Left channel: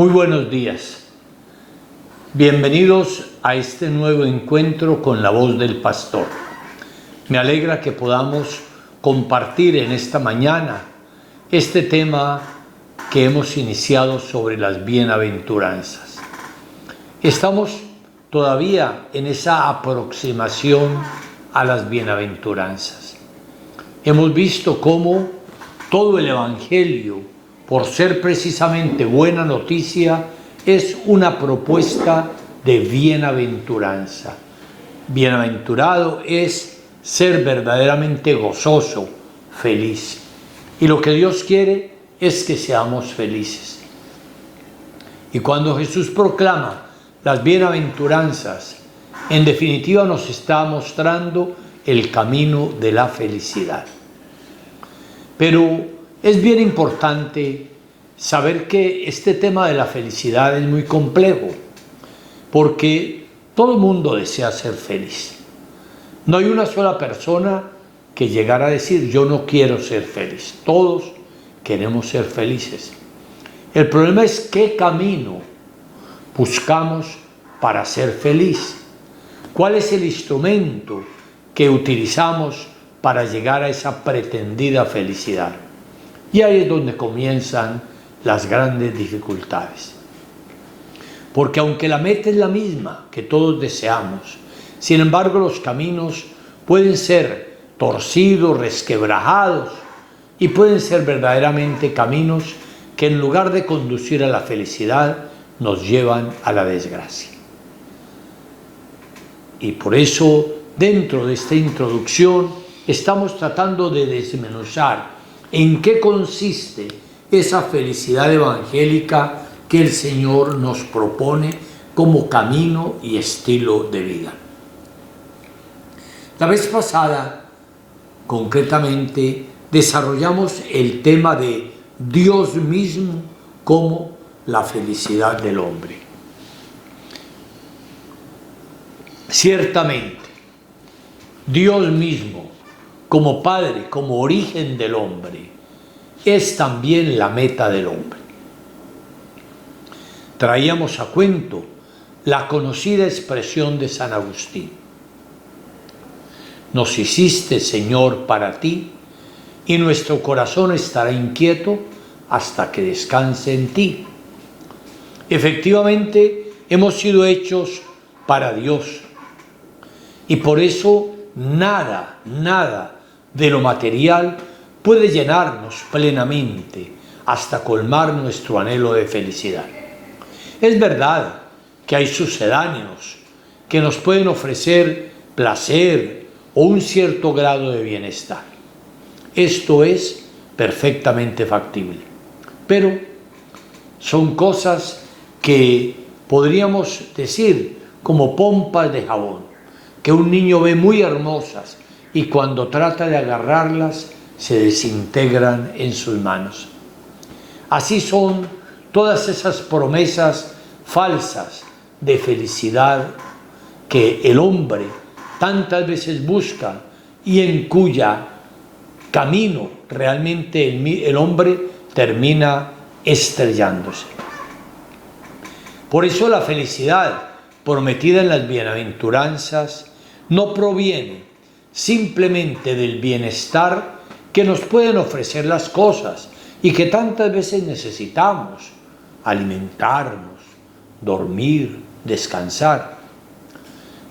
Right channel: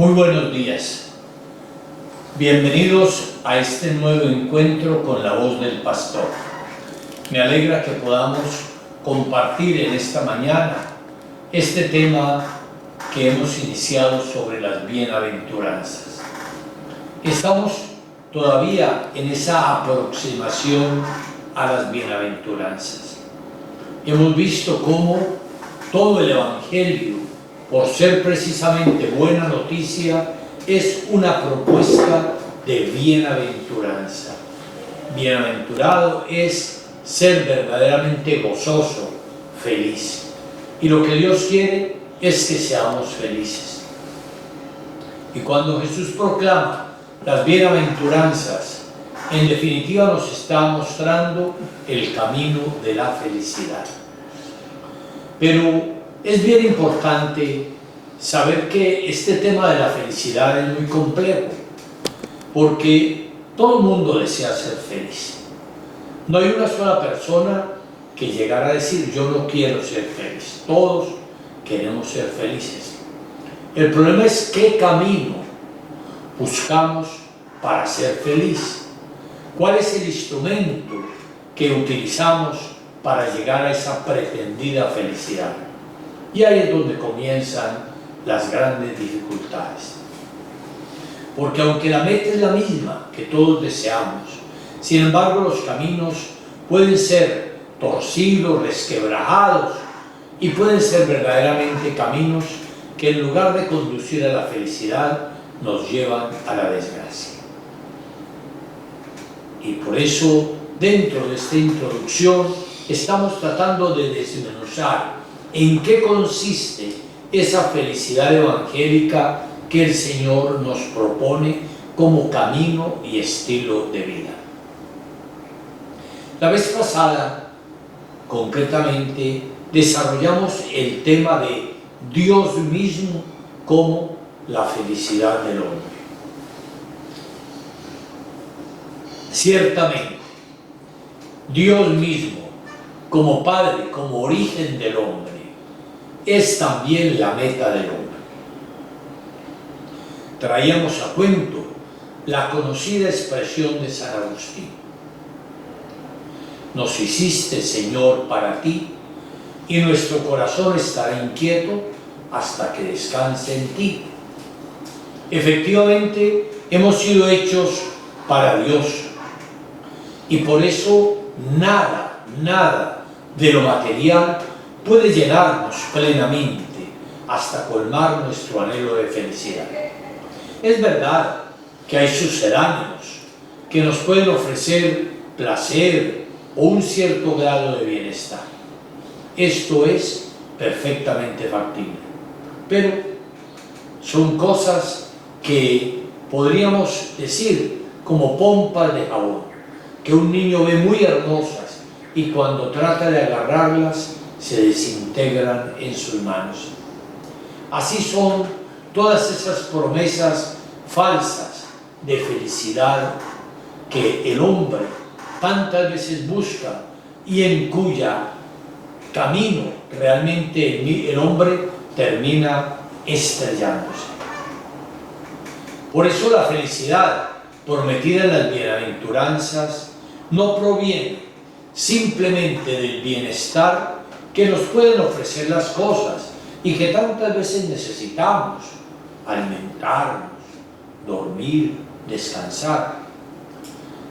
Muy buenos días. Bienvenidos a este nuevo encuentro con la voz del pastor. Me alegra que podamos compartir en esta mañana este tema que hemos iniciado sobre las bienaventuranzas. Estamos todavía en esa aproximación a las bienaventuranzas. Hemos visto cómo todo el Evangelio, por ser precisamente buena noticia, es una propuesta de bienaventuranza. Bienaventurado es ser verdaderamente gozoso, feliz. Y lo que Dios quiere es que seamos felices. Y cuando Jesús proclama las bienaventuranzas, en definitiva nos está mostrando el camino de la felicidad. Pero es bien importante saber que este tema de la felicidad es muy complejo, porque todo el mundo desea ser feliz. No hay una sola persona que llegara a decir yo no quiero ser feliz. Todos queremos ser felices. El problema es qué camino buscamos para ser feliz. ¿Cuál es el instrumento que utilizamos para llegar a esa pretendida felicidad? Y ahí es donde comienzan las grandes dificultades. Porque aunque la meta es la misma que todos deseamos, sin embargo los caminos pueden ser torcidos, resquebrajados, y pueden ser verdaderamente caminos que en lugar de conducir a la felicidad, nos llevan a la desgracia. Y por eso, dentro de esta introducción, estamos tratando de desmenuzar en qué consiste esa felicidad evangélica que el Señor nos propone como camino y estilo de vida. La vez pasada, concretamente, desarrollamos el tema de Dios mismo como la felicidad del hombre. Ciertamente, Dios mismo, como Padre, como origen del hombre, es también la meta del hombre. Traíamos a cuento la conocida expresión de San Agustín: nos hiciste, Señor, para ti, y nuestro corazón estará inquieto hasta que descanse en ti. Efectivamente, hemos sido hechos para Dios, y por eso nada de lo material puede llenarnos plenamente hasta colmar nuestro anhelo de felicidad. Es verdad que hay sucedáneos que nos pueden ofrecer placer o un cierto grado de bienestar. Esto es perfectamente factible, pero son cosas que podríamos decir como pompas de jabón, que un niño ve muy hermosas y cuando trata de agarrarlas se desintegran en sus manos. Así son todas esas promesas falsas de felicidad que el hombre tantas veces busca y en cuya camino realmente el hombre termina estrellándose. Por eso la felicidad prometida en las bienaventuranzas no proviene simplemente del bienestar que nos pueden ofrecer las cosas y que tantas veces necesitamos: alimentarnos, dormir, descansar,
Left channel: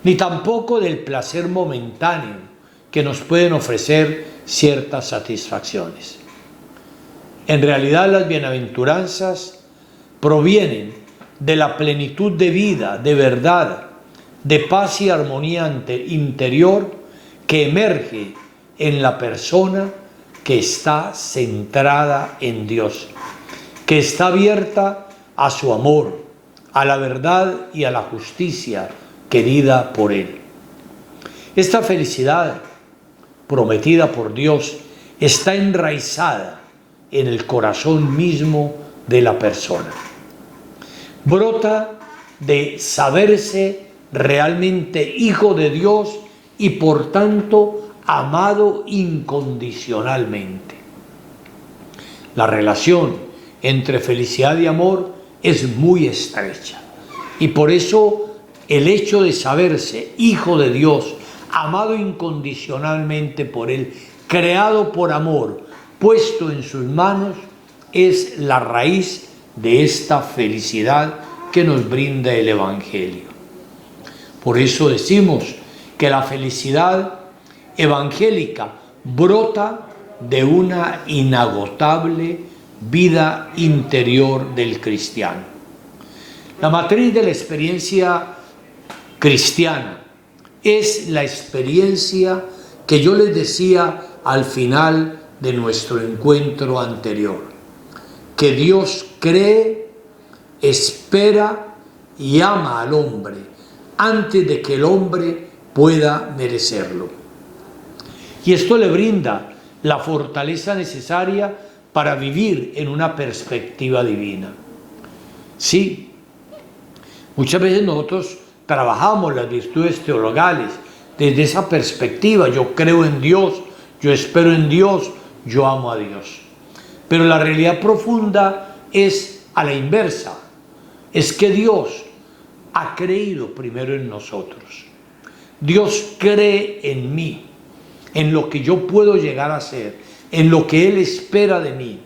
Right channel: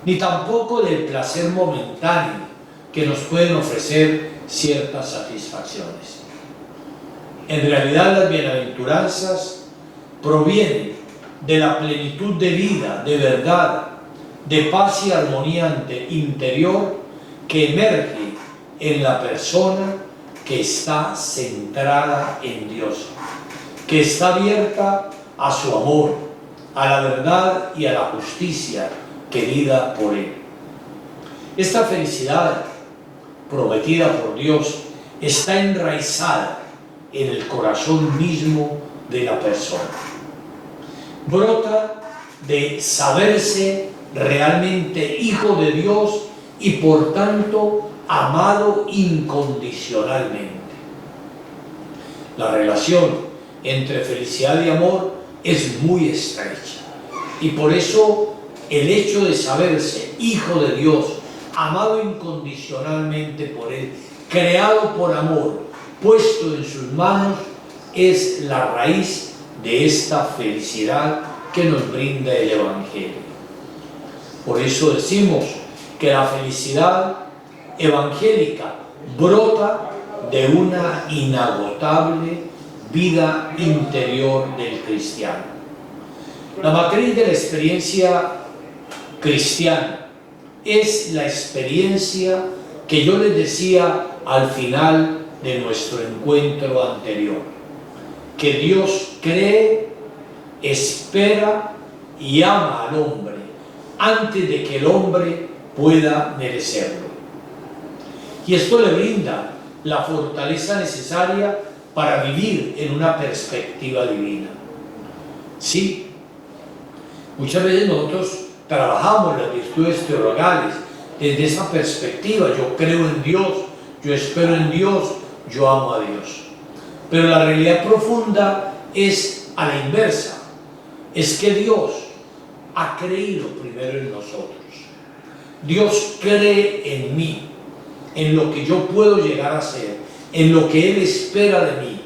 ni tampoco del placer momentáneo que nos pueden ofrecer ciertas satisfacciones. En realidad, las bienaventuranzas provienen de la plenitud de vida, de verdad, de paz y armonía interior que emerge en la persona que está centrada en Dios, que está abierta a su amor, a la verdad y a la justicia querida por Él. Esta felicidad prometida por Dios está enraizada en el corazón mismo de la persona. Brota de saberse realmente hijo de Dios y por tanto amado incondicionalmente. La relación entre felicidad y amor es muy estrecha. Y por eso el hecho de saberse hijo de Dios, amado incondicionalmente por Él, creado por amor, puesto en sus manos, es la raíz de esta felicidad que nos brinda el Evangelio. Por eso decimos que la felicidad evangélica brota de una inagotable vida interior del cristiano. La matriz de la experiencia cristiana es la experiencia que yo les decía al final de nuestro encuentro anterior, que Dios cree, espera y ama al hombre antes de que el hombre pueda merecerlo. Y esto le brinda la fortaleza necesaria para vivir en una perspectiva divina. Sí, muchas veces nosotros trabajamos las virtudes teologales desde esa perspectiva. Yo creo en Dios, yo espero en Dios, yo amo a Dios. Pero la realidad profunda es a la inversa. Es que Dios ha creído primero en nosotros. Dios cree en mí, en lo que yo puedo llegar a ser, en lo que Él espera de mí.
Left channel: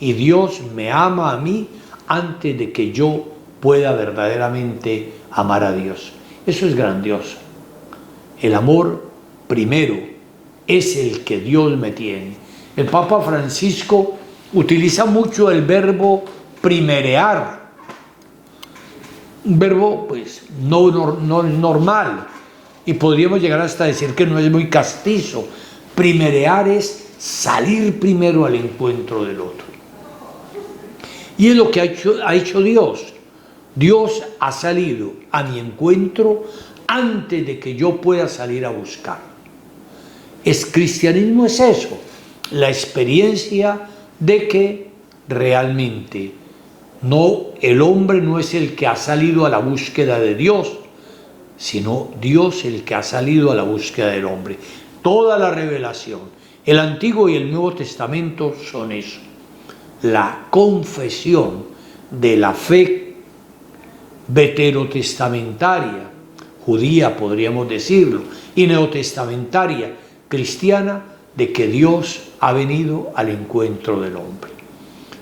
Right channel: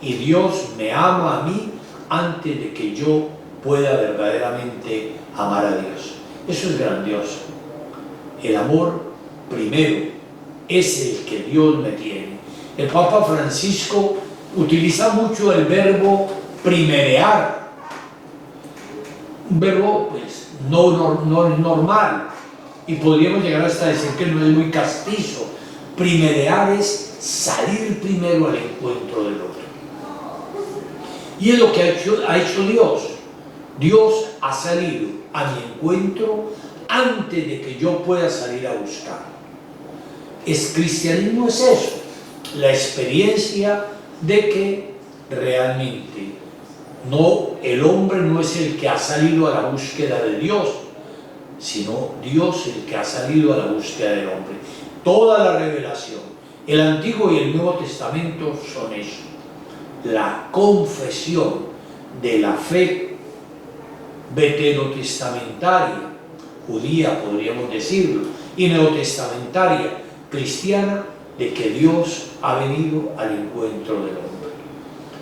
Y Dios me ama a mí antes de que yo pueda verdaderamente amar a Dios. Eso es grandioso. El amor primero es el que Dios me tiene. El Papa Francisco utiliza mucho el verbo primerear. Un verbo pues no normal. Y podríamos llegar hasta decir que no es muy castizo. Primerear es salir primero al encuentro del otro. Y es lo que ha hecho Dios. Dios ha salido a mi encuentro antes de que yo pueda salir a buscarlo. Cristianismo es eso, la experiencia de que realmente el hombre no es el que ha salido a la búsqueda de Dios, sino Dios el que ha salido a la búsqueda del hombre. Toda la revelación, el Antiguo y el Nuevo Testamento son eso. La confesión de la fe veterotestamentaria, judía podríamos decirlo, y neotestamentaria, cristiana, de que Dios ha venido al encuentro del hombre.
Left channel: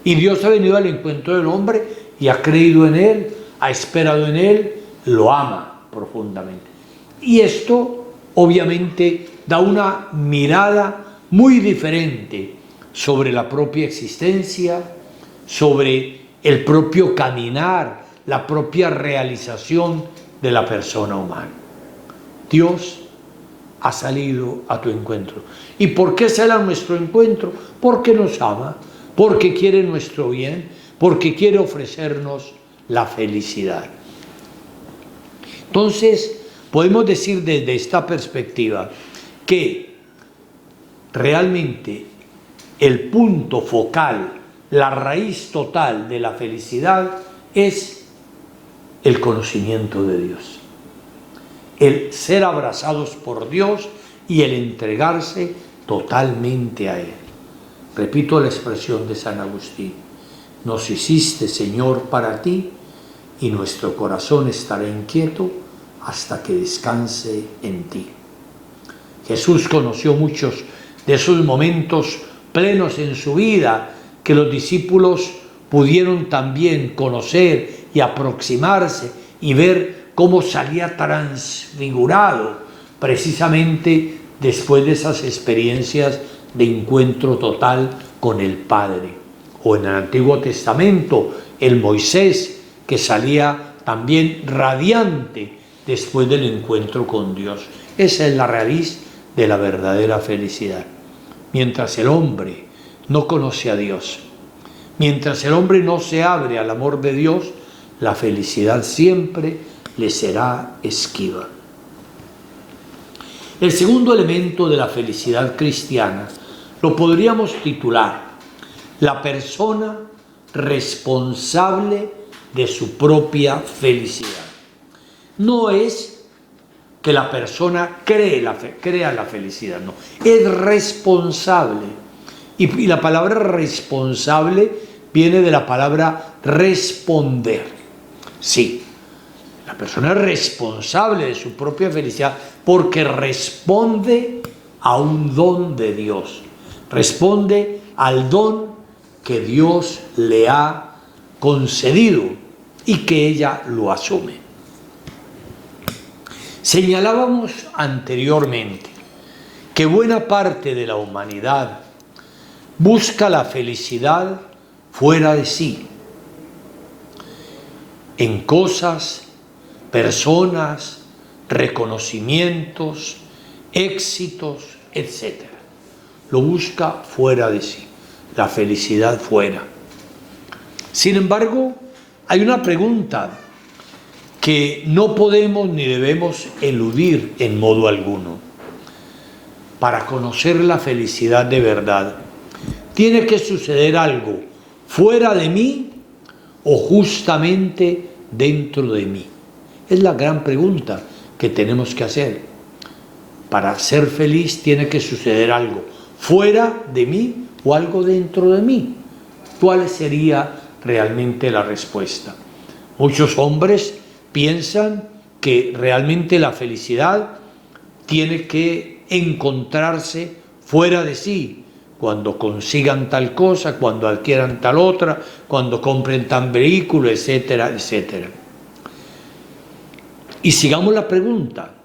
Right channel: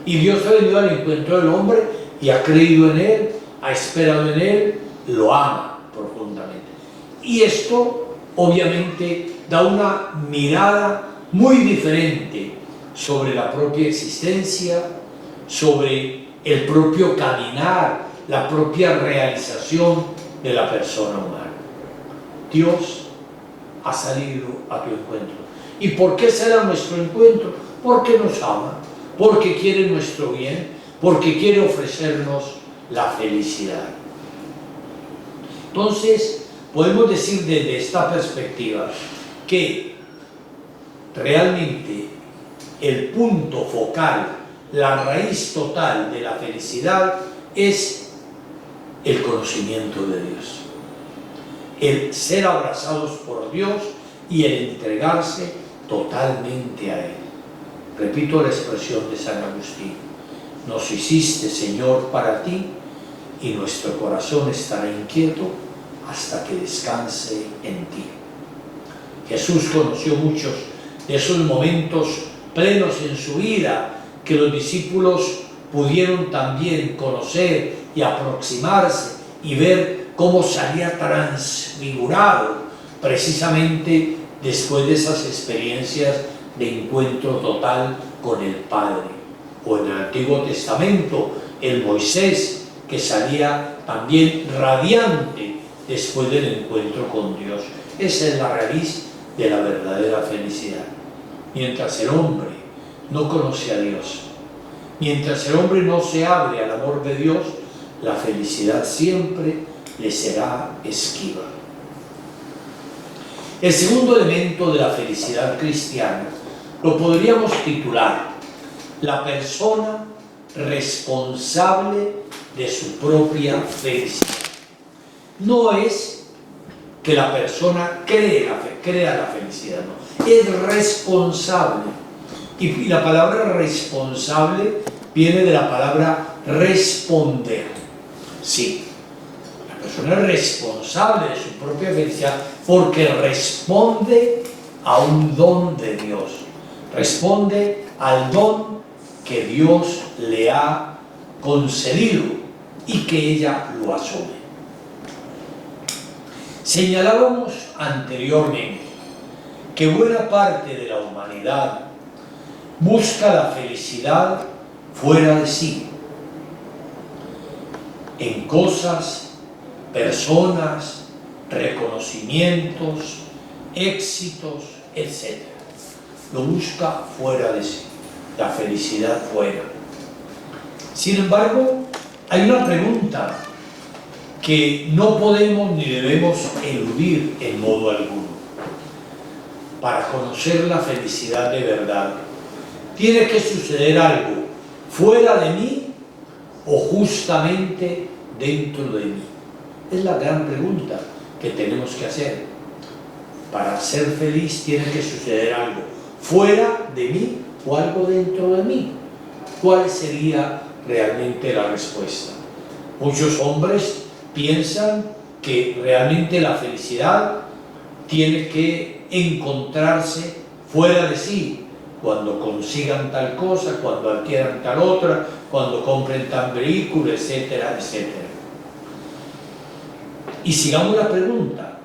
Y Dios ha venido al encuentro del hombre y ha creído en Él, ha esperado en Él, lo ama profundamente. Y esto obviamente da una mirada muy diferente sobre la propia existencia, sobre el propio caminar, la propia realización de la persona humana. Dios ha salido a tu encuentro. ¿Y por qué será nuestro encuentro? Porque nos ama, porque quiere nuestro bien, porque quiere ofrecernos la felicidad. Entonces, podemos decir desde esta perspectiva que realmente el punto focal, la raíz total de la felicidad es el conocimiento de Dios, el ser abrazados por Dios y el entregarse totalmente a Él. Repito la expresión de San Agustín: nos hiciste, Señor, para ti, y nuestro corazón estará inquieto hasta que descanse en ti. Jesús conoció muchos de esos momentos plenos en su vida que los discípulos pudieron también conocer y aproximarse y ver cómo salía transfigurado precisamente después de esas experiencias de encuentro total con el Padre. O en el Antiguo Testamento, el Moisés, que salía también radiante después del encuentro con Dios. Esa es la raíz de la verdadera felicidad. Mientras el hombre no conoce a Dios, mientras el hombre no se abre al amor de Dios, la felicidad siempre le será esquiva. El segundo elemento de la felicidad cristiana lo podríamos titular: la persona responsable de su propia felicidad. No es que la persona crea la felicidad, no, es responsable. Y la palabra responsable viene de la palabra responder. Sí, la persona es responsable de su propia felicidad porque responde a un don de Dios. Responde al don que Dios le ha concedido y que ella lo asume. Señalábamos anteriormente que buena parte de la humanidad busca la felicidad fuera de sí, en cosas, personas, reconocimientos, éxitos, etc. Lo busca fuera de sí, la felicidad fuera. Sin embargo, hay una pregunta que no podemos ni debemos eludir en modo alguno. Para conocer la felicidad de verdad, tiene que suceder algo fuera de mí o justamente dentro de mí. Es la gran pregunta que tenemos que hacer. Para ser feliz tiene que suceder algo fuera de mí o algo dentro de mí. ¿Cuál sería realmente la respuesta? Muchos hombres piensan que realmente la felicidad tiene que encontrarse fuera de sí, cuando consigan tal cosa, cuando adquieran tal otra, cuando compren tal vehículo, etcétera, etcétera. Y sigamos la pregunta,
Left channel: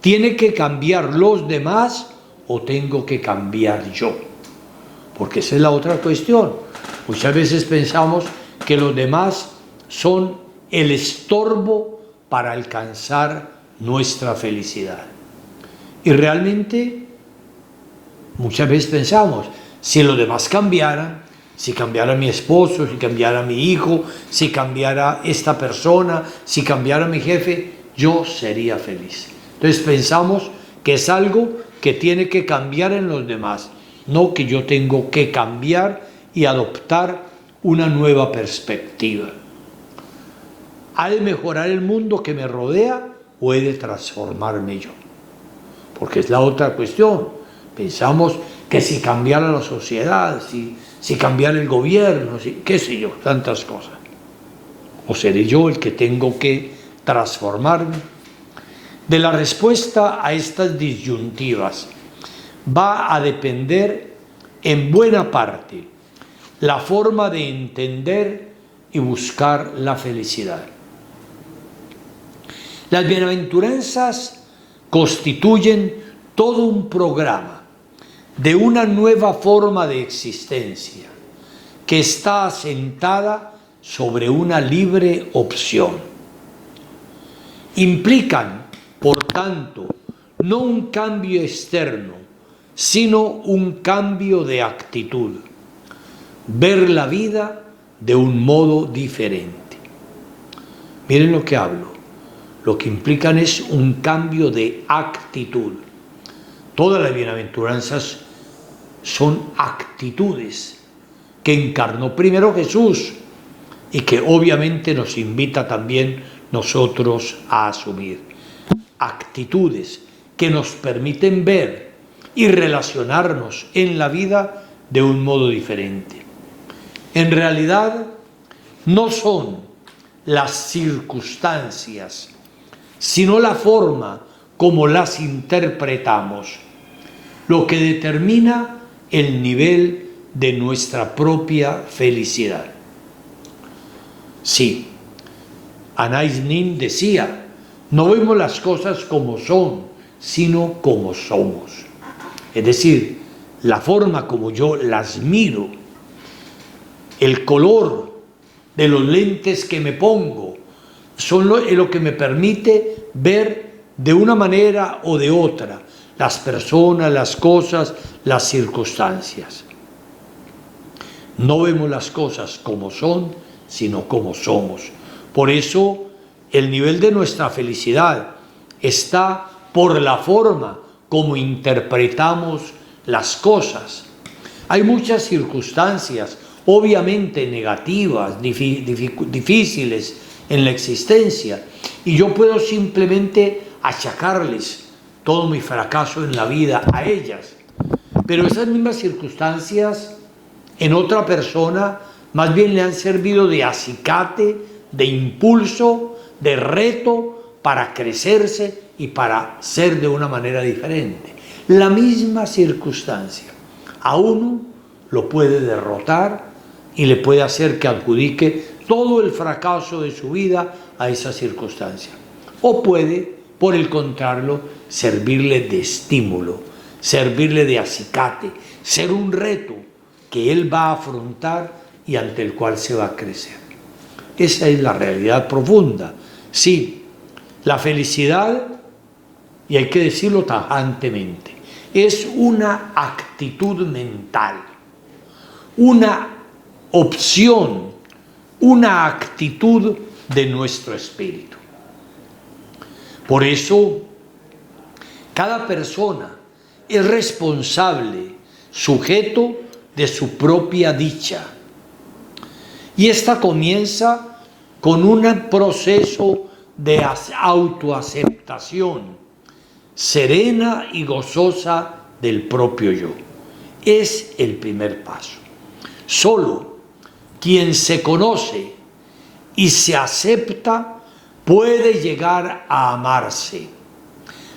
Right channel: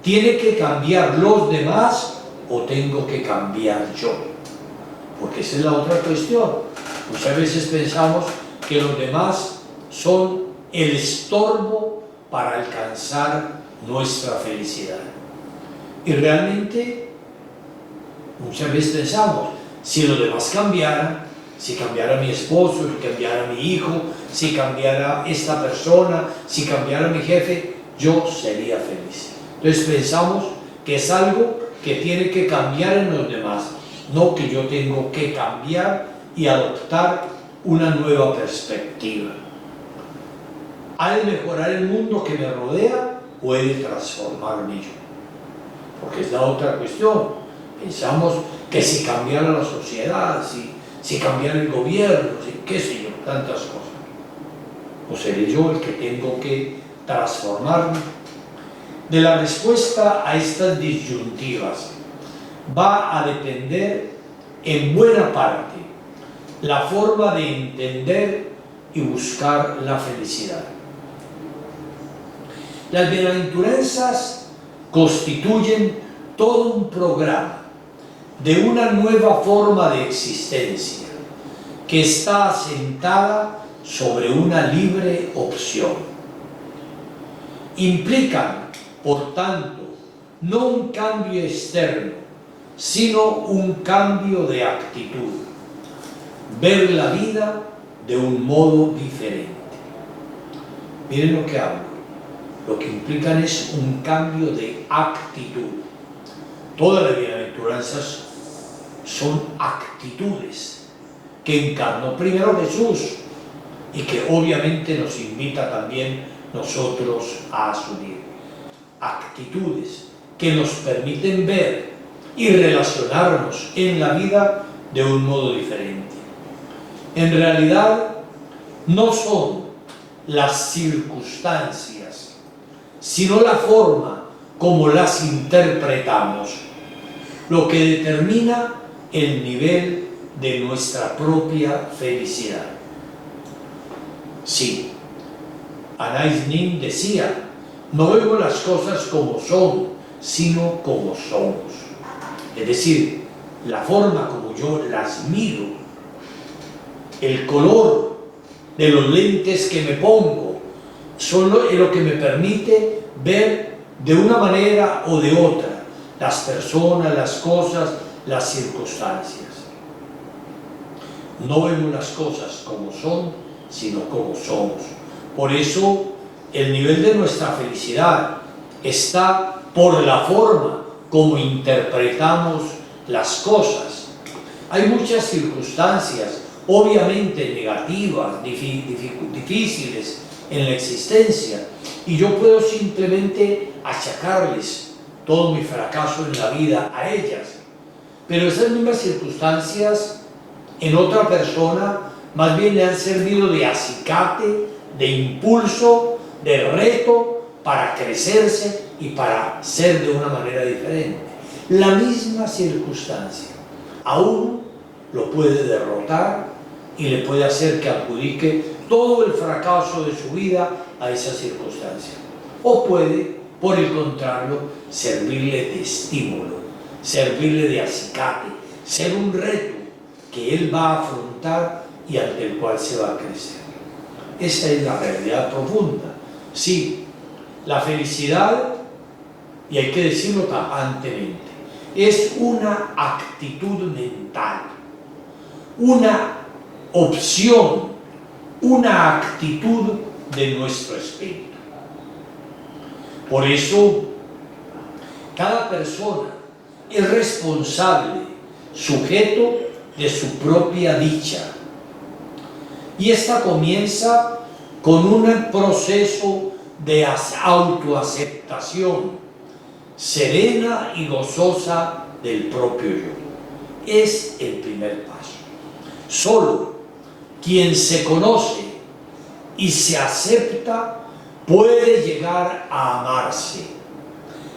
¿tiene que cambiar los demás o tengo que cambiar yo? Porque esa es la otra cuestión. Muchas veces pensamos que los demás son el estorbo para alcanzar nuestra felicidad. Y realmente muchas veces pensamos, si los demás cambiaran, si cambiara mi esposo, si cambiara mi hijo, si cambiara esta persona, si cambiara mi jefe, yo sería feliz. Entonces pensamos que es algo que tiene que cambiar en los demás, no que yo tengo que cambiar y adoptar una nueva perspectiva. ¿Ha de mejorar el mundo que me rodea o he de transformarme yo? Porque es la otra cuestión. Pensamos que si cambiara la sociedad, si cambiara el gobierno, qué sé yo, tantas cosas. ¿O seré yo el que tengo que transformarme? De la respuesta a estas disyuntivas va a depender en buena parte la forma de entender y buscar la felicidad. Las bienaventuranzas constituyen todo un programa de una nueva forma de existencia que está asentada sobre una libre opción. Implican, por tanto, no un cambio externo, sino un cambio de actitud. Ver la vida de un modo diferente. Miren lo que hablo. Lo que implican es un cambio de actitud. Todas las bienaventuranzas son actitudes que encarnó primero Jesús y que obviamente nos invita también nosotros a asumir. Actitudes que nos permiten ver y relacionarnos en la vida de un modo diferente. En realidad no son las circunstancias, sino la forma como las interpretamos, lo que determina el nivel de nuestra propia felicidad. Sí, Anais Nin decía, no vemos las cosas como son, sino como somos. Es decir, la forma como yo las miro, el color de los lentes que me pongo, son lo que me permite ver de una manera o de otra las personas, las cosas, las circunstancias. No vemos las cosas como son, sino como somos. Por eso el nivel de nuestra felicidad está por la forma como interpretamos las cosas. Hay muchas circunstancias, obviamente negativas, difíciles en la existencia, y yo puedo simplemente achacarles todo mi fracaso en la vida a ellas. Pero esas mismas circunstancias en otra persona más bien le han servido de acicate, de impulso, de reto para crecerse y para ser de una manera diferente. La misma circunstancia a uno lo puede derrotar y le puede hacer que adjudique todo el fracaso de su vida a esa circunstancia. O puede, por el contrario, servirle de estímulo, servirle de acicate, ser un reto que él va a afrontar y ante el cual se va a crecer. Esa es la realidad profunda. Sí, la felicidad, y hay que decirlo tajantemente, es una actitud mental, una opción, una actitud de nuestro espíritu. Por eso, cada persona es responsable, sujeto de su propia dicha. Y esta comienza con un proceso de autoaceptación serena y gozosa del propio yo. Es el primer paso. Solo quien se conoce y se acepta puede llegar a amarse,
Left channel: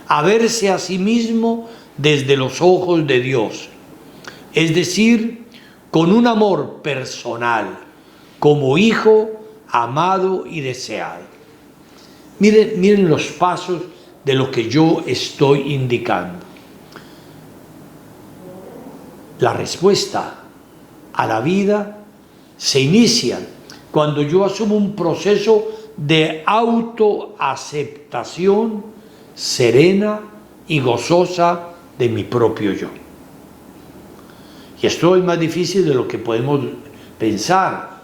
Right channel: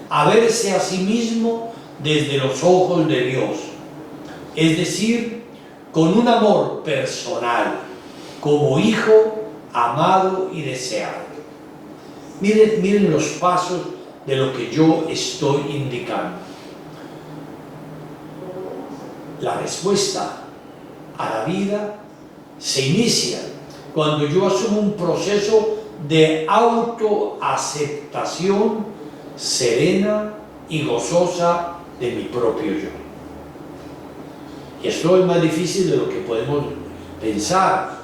a verse a sí mismo desde los ojos de Dios, es decir, con un amor personal, como hijo amado y deseado. Miren los pasos de lo que yo estoy indicando. La respuesta a la vida se inicia cuando yo asumo un proceso de autoaceptación serena y gozosa de mi propio yo. Y esto es más difícil de lo que podemos pensar,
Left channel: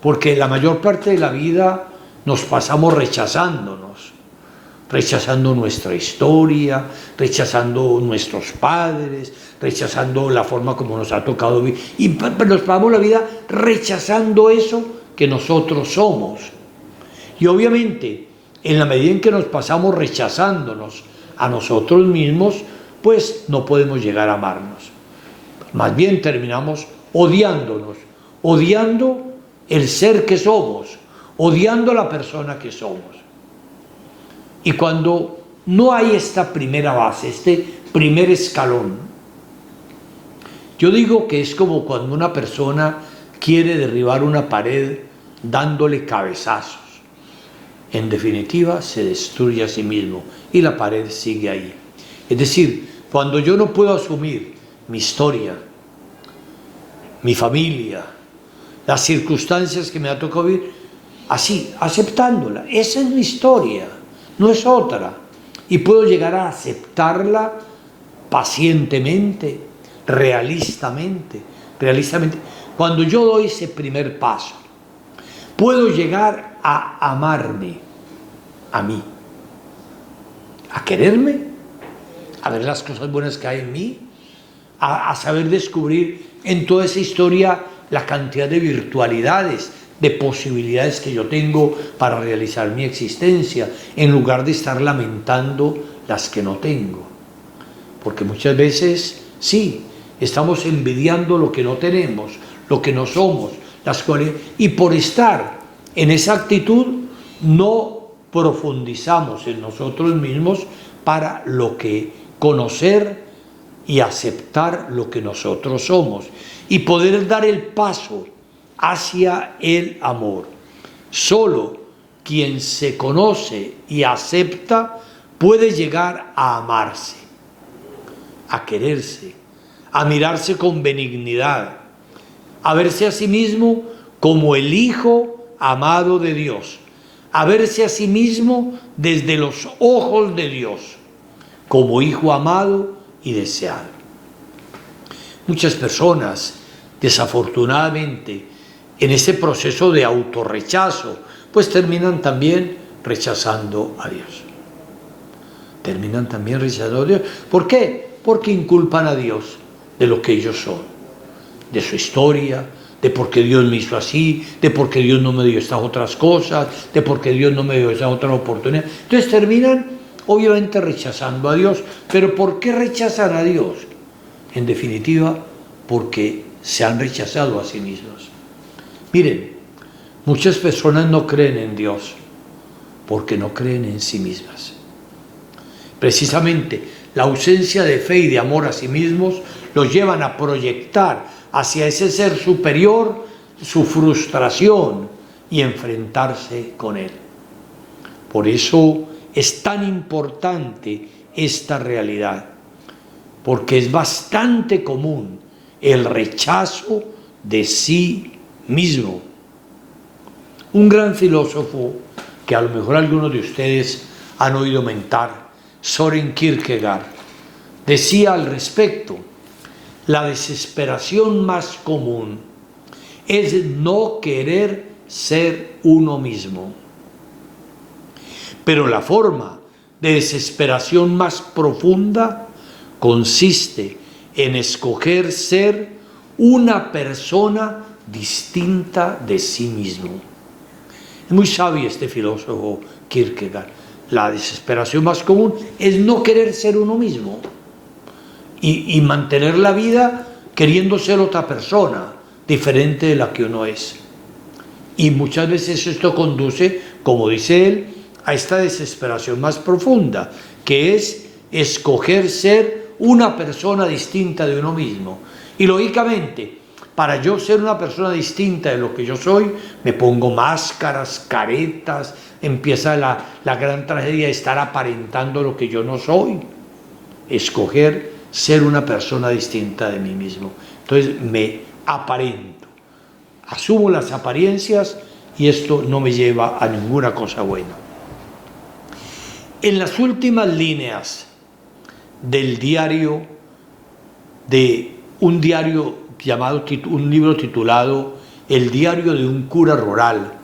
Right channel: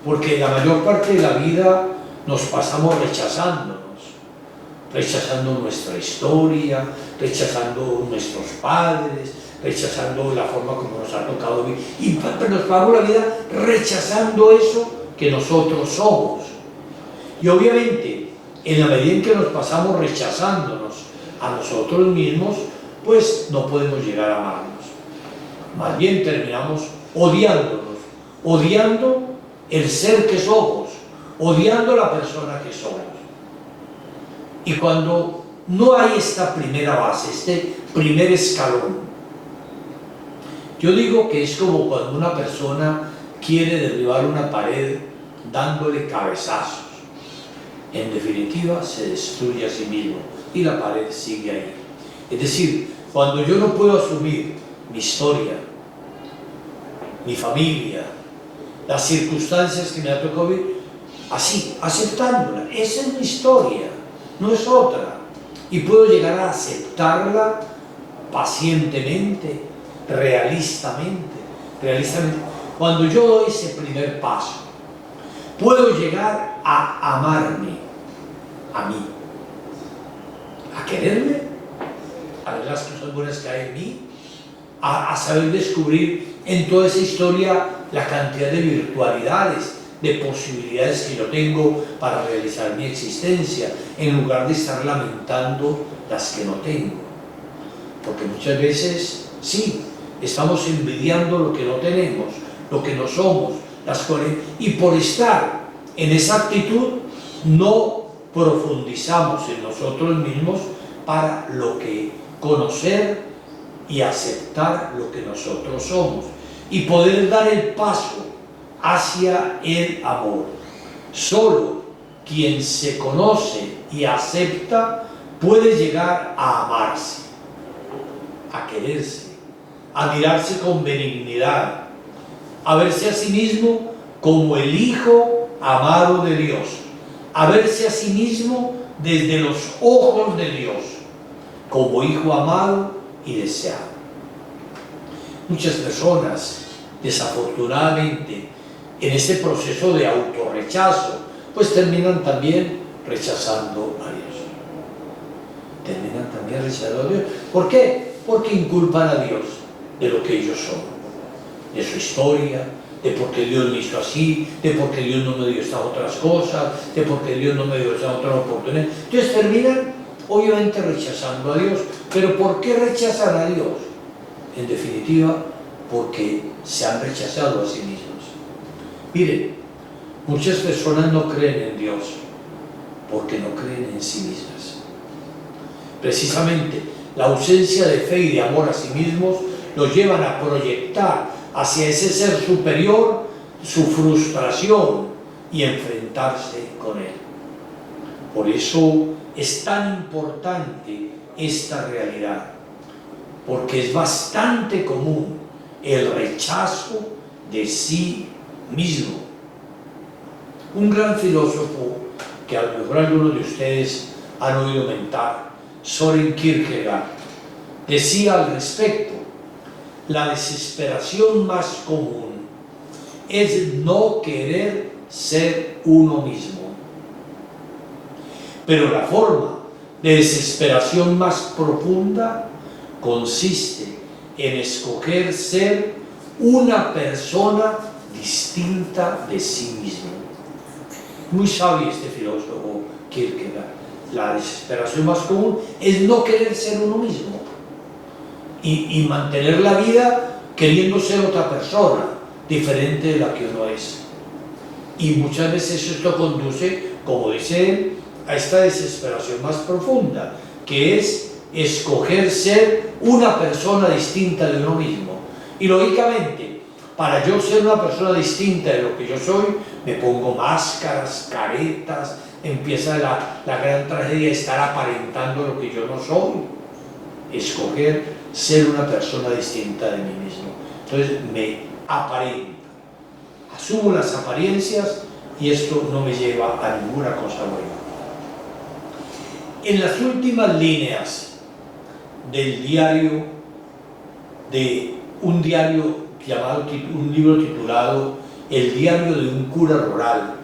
porque la mayor parte de la vida nos pasamos rechazando nuestra historia, rechazando nuestros padres, rechazando la forma como nos ha tocado vivir, y nos pasamos la vida rechazando eso que nosotros somos. Y obviamente, en la medida en que nos pasamos rechazándonos a nosotros mismos, pues no podemos llegar a amarnos. Más bien terminamos odiándonos, odiando el ser que somos, odiando la persona que somos. Y cuando no hay esta primera base, este primer escalón, yo digo que es como cuando una persona quiere derribar una pared dándole cabezazos. En definitiva, se destruye a sí mismo y la pared sigue ahí. Es decir, cuando yo no puedo asumir mi historia, mi familia, las circunstancias que me ha tocado vivir, así, aceptándola, esa es mi historia, no es otra, y puedo llegar a aceptarla pacientemente, realistamente. Cuando yo doy ese primer paso, puedo llegar a amarme a mí, a quererme, a ver las cosas buenas que hay en mí, a saber descubrir en toda esa historia la cantidad de virtualidades, de posibilidades que yo tengo para realizar mi existencia, en lugar de estar lamentando las que no tengo. Porque muchas veces, sí, estamos envidiando lo que no tenemos, lo que no somos, y por estar en esa actitud no profundizamos en nosotros mismos para conocer y aceptar lo que nosotros somos y poder dar el paso hacia el amor. Solo quien se conoce y acepta puede llegar a amarse, a quererse, a mirarse con benignidad, a verse a sí mismo como el Hijo amado de Dios, a verse a sí mismo desde los ojos de Dios, como hijo amado y deseado. Muchas personas, desafortunadamente, en ese proceso de autorrechazo, pues terminan también rechazando a Dios. ¿Por qué? Porque inculpan a Dios de lo que ellos son, de su historia, de por qué Dios me hizo así, de por qué Dios no me dio estas otras cosas, de por qué Dios no me dio esa otra oportunidad. Entonces terminan obviamente rechazando a Dios. ¿Pero por qué rechazan a Dios? En definitiva, porque se han rechazado a sí mismos. Miren, muchas personas no creen en Dios porque no creen en sí mismas. Precisamente la ausencia de fe y de amor a sí mismos los llevan a proyectar hacia ese ser superior su frustración y enfrentarse con él. Por eso es tan importante esta realidad, porque es bastante común el rechazo de sí mismo. Un gran filósofo que a lo mejor algunos de ustedes han oído mentar, Søren Kierkegaard, decía al respecto: la desesperación más común es no querer ser uno mismo. Pero la forma de desesperación más profunda consiste en escoger ser una persona distinta de sí mismo. Es muy sabio este filósofo Kierkegaard. La desesperación más común es no querer ser uno mismo y mantener la vida queriendo ser otra persona diferente de la que uno es. Y muchas veces esto conduce, como dice él, a esta desesperación más profunda, que es escoger ser una persona distinta de uno mismo. Y lógicamente, para yo ser una persona distinta de lo que yo soy, me pongo máscaras, caretas, empieza la gran tragedia de estar aparentando lo que yo no soy. Escoger ser una persona distinta de mí mismo. Entonces me aparento, asumo las apariencias y esto no me lleva a ninguna cosa buena. En las últimas líneas del diario, de un diario llamado, un libro titulado El diario de un cura rural,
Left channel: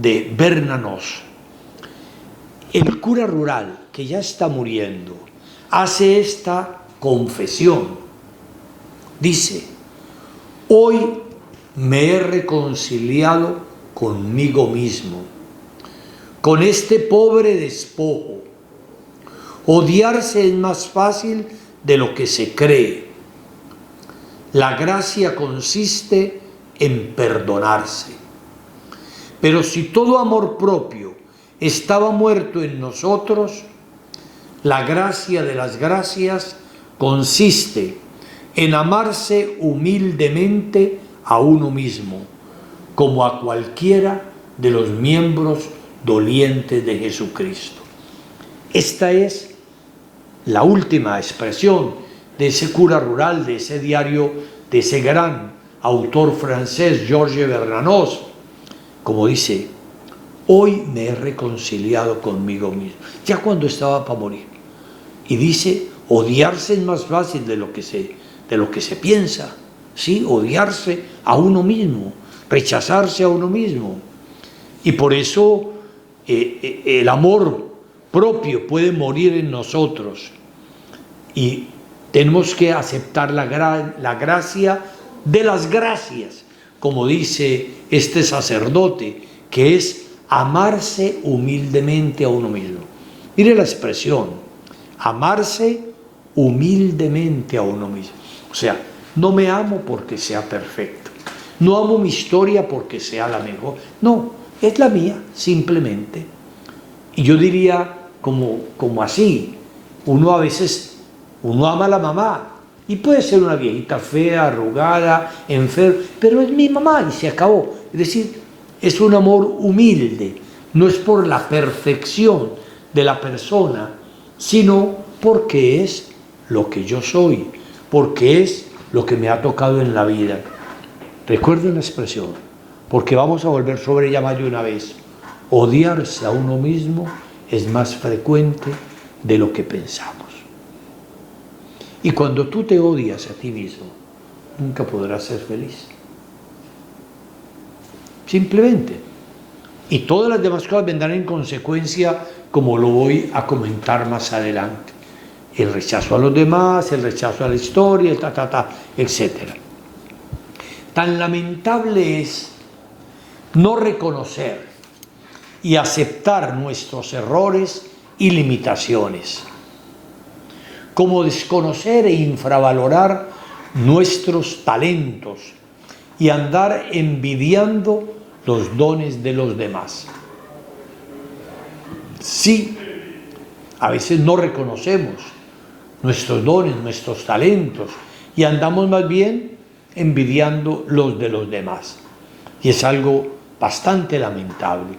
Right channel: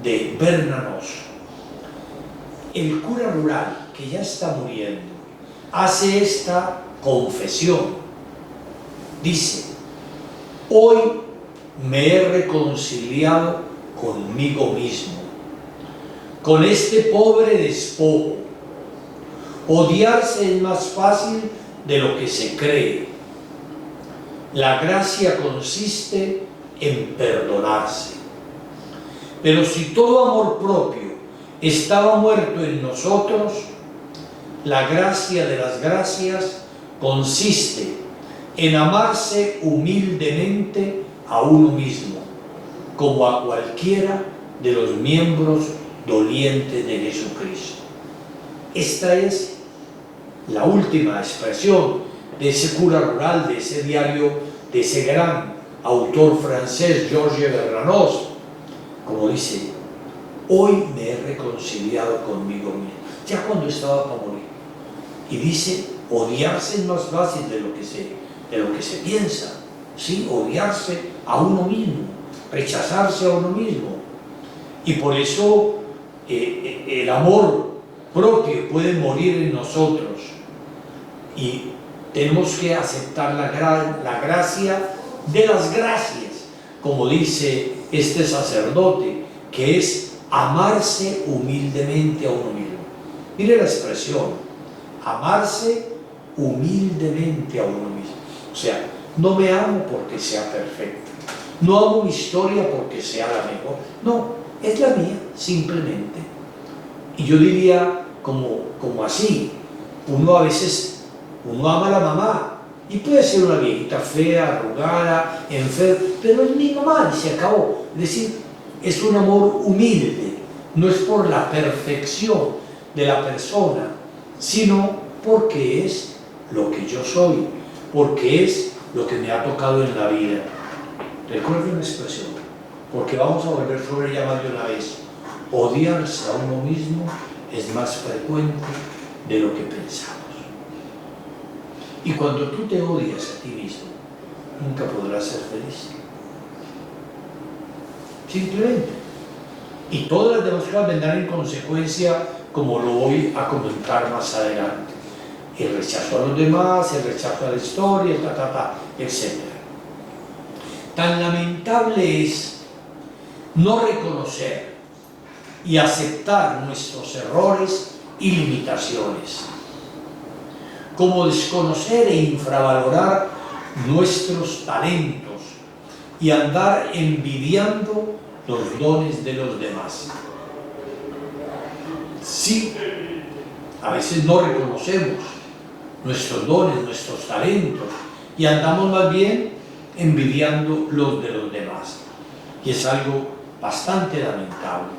de Bernanos, el cura rural, que ya está muriendo, hace esta confesión. Dice: hoy me he reconciliado conmigo mismo, con este pobre despojo. Odiarse es más fácil de lo que se cree. La gracia consiste en perdonarse. Pero si todo amor propio estaba muerto en nosotros, la gracia de las gracias consiste en amarse humildemente a uno mismo, como a cualquiera de los miembros dolientes de Jesucristo. Esta es la última expresión de ese cura rural, de ese diario, de ese gran autor francés, Georges Bernanos, como dice: hoy me he reconciliado conmigo mismo, ya cuando estaba para morir. Y dice: odiarse es más fácil de lo que se piensa, ¿sí? Odiarse a uno mismo, rechazarse a uno mismo. Y por eso el amor propio puede morir en nosotros. Y tenemos que aceptar la gracia de las gracias, como dice este sacerdote, que es amarse humildemente a uno mismo. Mire la expresión: amarse humildemente a uno mismo. O sea, no me amo porque sea perfecto, no amo mi historia porque sea la mejor, no, es la mía simplemente. Y yo diría como así, uno a veces ama a la mamá y puede ser una viejita fea, arrugada, enferma, pero es mi mamá y se acabó. Es decir, es un amor humilde, no es por la perfección de la persona, sino porque es lo que yo soy, porque es lo que me ha tocado en la vida. Recuerden una expresión, porque vamos a volver sobre ella más de una vez: odiarse a uno mismo es más frecuente de lo que pensamos. Y cuando tú te odias a ti mismo, nunca podrás ser feliz. Simplemente. Y todas las demás cosas vendrán en consecuencia, como lo voy a comentar más adelante. El rechazo a los demás, el rechazo a la historia, etc. Tan lamentable es no reconocer y aceptar nuestros errores y limitaciones, como desconocer e infravalorar nuestros talentos, y andar envidiando los dones de los demás. Sí, a veces no reconocemos nuestros dones, nuestros talentos, y andamos más bien envidiando los de los demás. Y es algo bastante lamentable,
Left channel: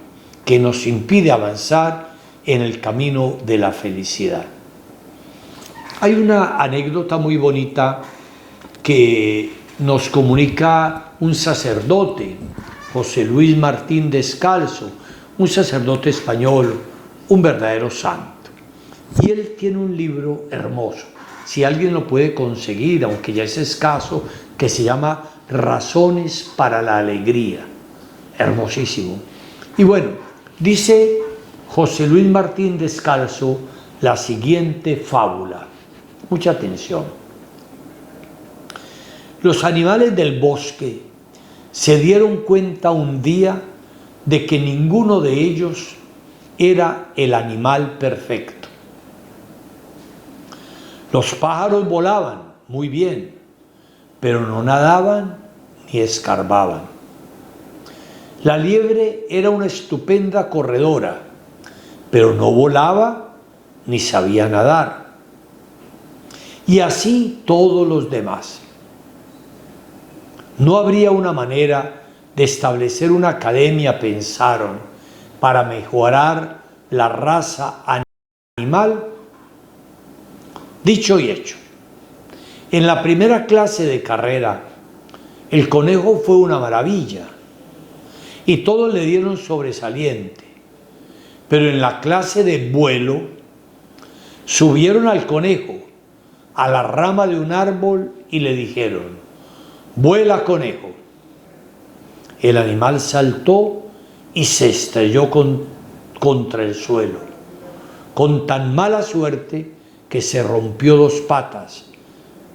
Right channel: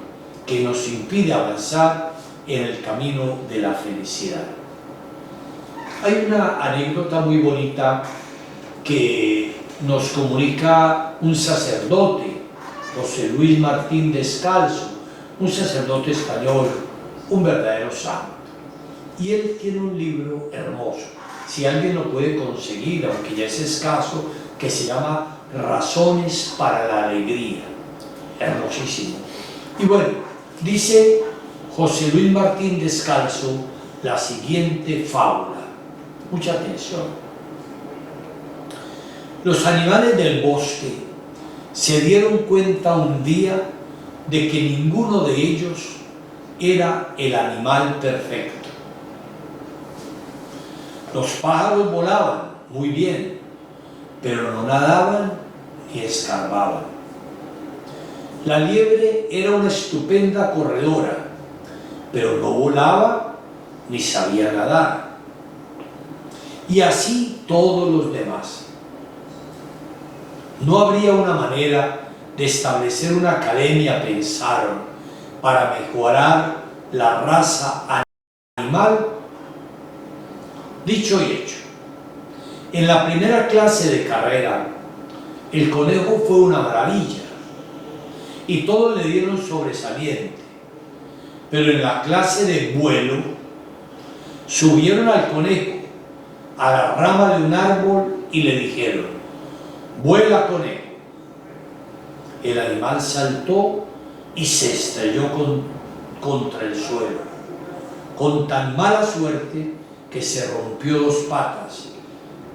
que nos impide avanzar en el camino de la felicidad. Hay una anécdota muy bonita que nos comunica un sacerdote, José Luis Martín Descalzo, un sacerdote español, un verdadero santo. Y él tiene un libro hermoso, si alguien lo puede conseguir, aunque ya es escaso, que se llama Razones para la Alegría. Hermosísimo. Y bueno, dice José Luis Martín Descalzo la siguiente fábula. Mucha atención. Los animales del bosque se dieron cuenta un día de que ninguno de ellos era el animal perfecto. Los pájaros volaban muy bien, pero no nadaban ni escarbaban. La liebre era una estupenda corredora, pero no volaba ni sabía nadar. Y así todos los demás. ¿No habría una manera de establecer una academia, pensaron, para mejorar la raza animal? Dicho y hecho. En la primera clase de carrera, el conejo fue una maravilla y todos le dieron sobresaliente. Pero en la clase de vuelo, subieron al conejo a la rama de un árbol y le dijeron: «Vuela, conejo». El animal saltó y se estrelló contra el suelo, con tan mala suerte que se rompió 2 patas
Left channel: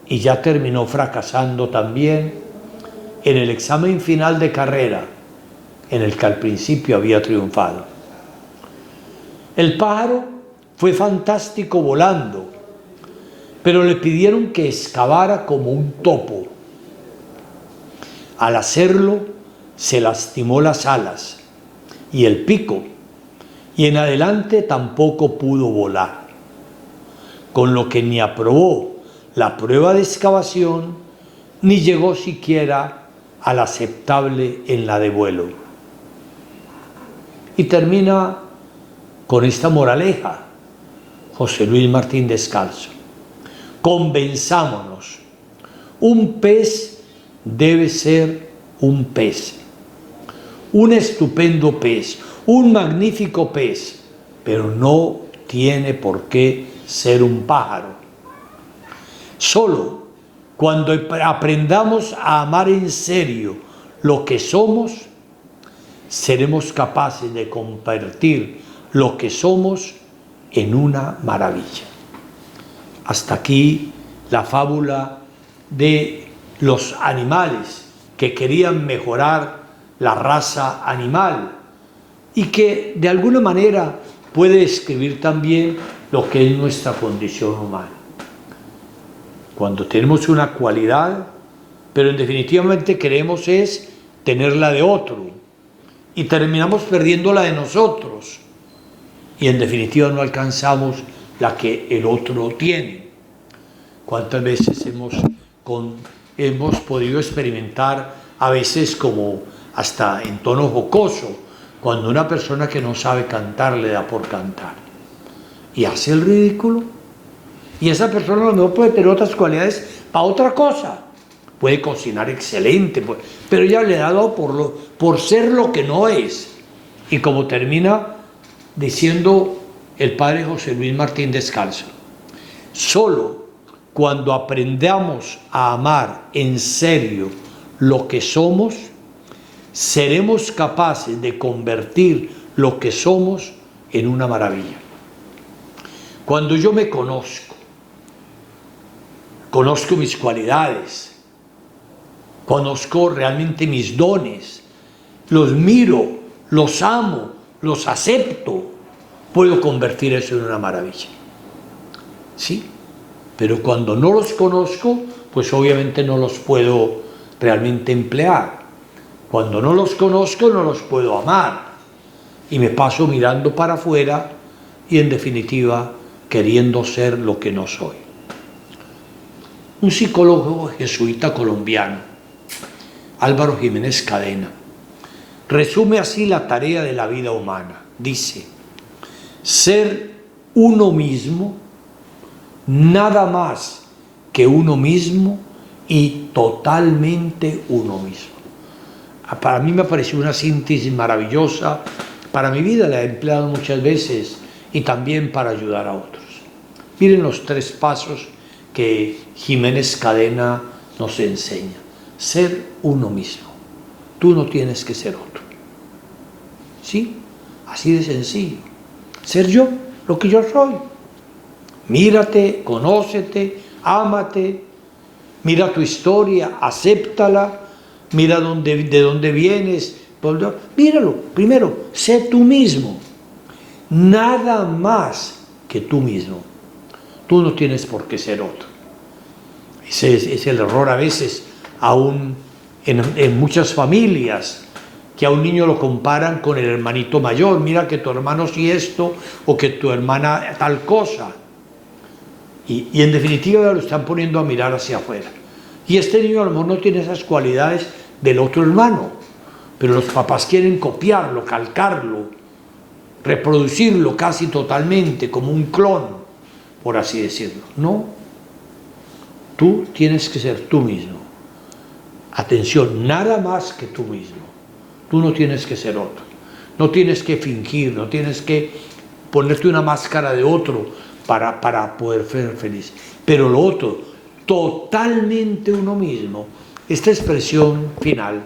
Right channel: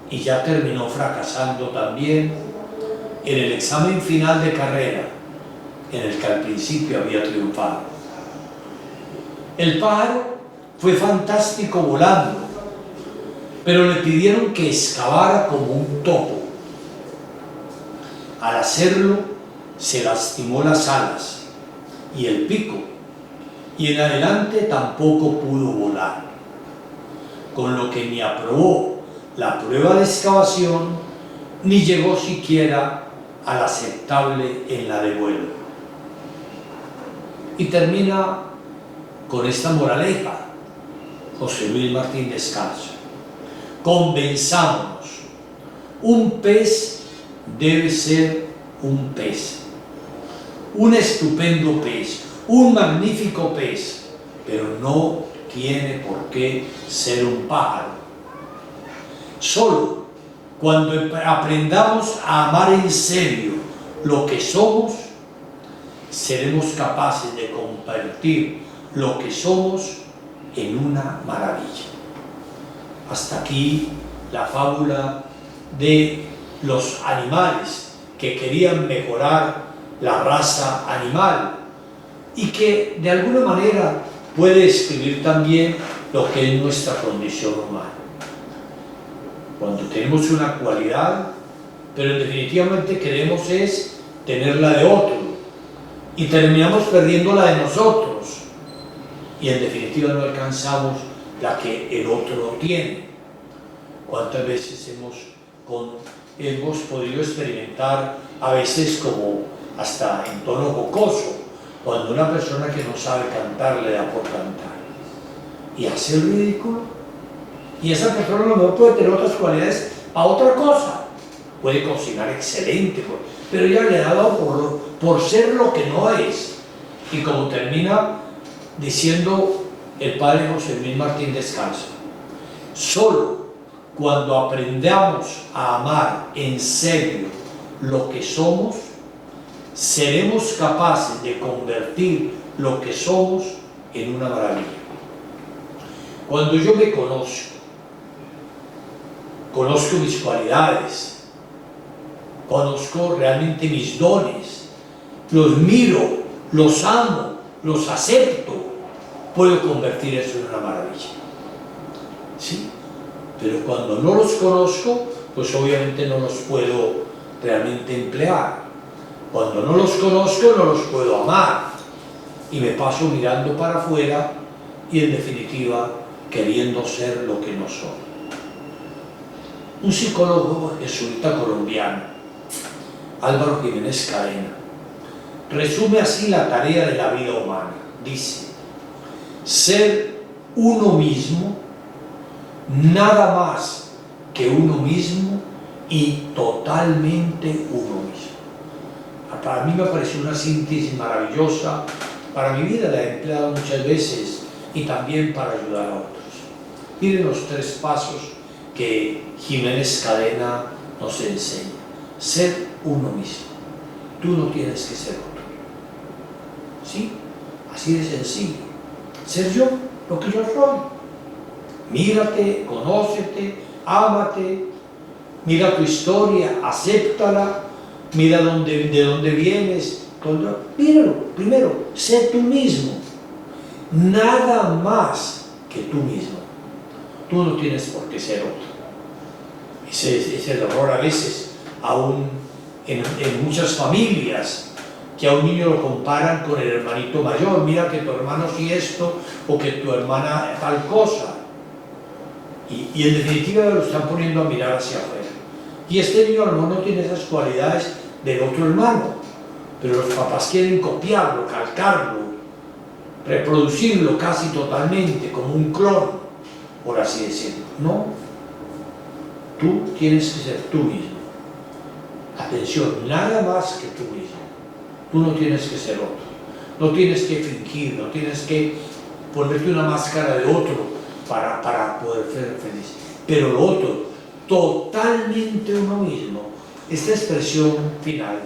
y ya terminó fracasando también en el examen final de carrera en el que al principio había triunfado. El pájaro fue fantástico volando, pero le pidieron que excavara como un topo. Al hacerlo, se lastimó las alas y el pico, y en adelante tampoco pudo volar, con lo que ni aprobó la prueba de excavación, ni llegó siquiera al aceptable en la de vuelo. Y termina con esta moraleja José Luis Martín Descalzo: convenzámonos, un pez debe ser un pez, un estupendo pez, un magnífico pez, pero no tiene por qué ser un pájaro. Solo cuando aprendamos a amar en serio lo que somos, seremos capaces de convertir lo que somos en una maravilla. Hasta aquí la fábula de los animales que querían mejorar la raza animal y que de alguna manera puede describir también lo que es nuestra condición humana. Cuando tenemos una cualidad, pero en definitivamente queremos es tenerla de otro y terminamos perdiendo la de nosotros y en definitiva no alcanzamos la que el otro tiene. ¿Cuántas veces hemos podido experimentar, a veces como hasta en tono jocoso, cuando una persona que no sabe cantar le da por cantar y hace el ridículo? Y esa persona a lo mejor puede tener otras cualidades para otra cosa, puede cocinar excelente, pero ella le da por ser lo que no es. Y como termina diciendo el padre José Luis Martín Descalzo: solo cuando aprendamos a amar en serio lo que somos, seremos capaces de convertir lo que somos en una maravilla. Cuando yo me conozco mis cualidades, conozco realmente mis dones, los miro, los amo, los acepto, puedo convertir eso en una maravilla. Sí, pero cuando no los conozco, pues obviamente no los puedo realmente emplear. Cuando no los conozco no los puedo amar y me paso mirando para afuera y en definitiva queriendo ser lo que no soy. Un psicólogo jesuita colombiano, Álvaro Jiménez Cadena, resume así la tarea de la vida humana. Dice: ser uno mismo, nada más que uno mismo y totalmente uno mismo. Para mí me pareció una síntesis maravillosa. Para mi vida la he empleado muchas veces y también para ayudar a otros. Miren los 3 pasos que Jiménez Cadena nos enseña. Ser uno mismo. Tú no tienes que ser otro. ¿Sí? Así de sencillo. Ser yo, lo que yo soy. Mírate, conócete, ámate, mira tu historia, acéptala, mira de dónde vienes. Míralo, primero, sé tú mismo. Nada más que tú mismo. Tú no tienes por qué ser otro. Ese es el error a veces, aún en muchas familias, que a un niño lo comparan con el hermanito mayor. Mira que tu hermano sí esto, o que tu hermana tal cosa. Y en definitiva lo están poniendo a mirar hacia afuera. Y este niño a lo mejor no tiene esas cualidades del otro hermano, pero los papás quieren copiarlo, calcarlo, reproducirlo casi totalmente, como un clon, por así decirlo. No, tú tienes que ser tú mismo. Atención, nada más que tú mismo. Tú no tienes que ser otro. No tienes que fingir, no tienes que ponerte una máscara de otro para poder ser feliz. Pero lo otro, totalmente uno mismo. Esta expresión final,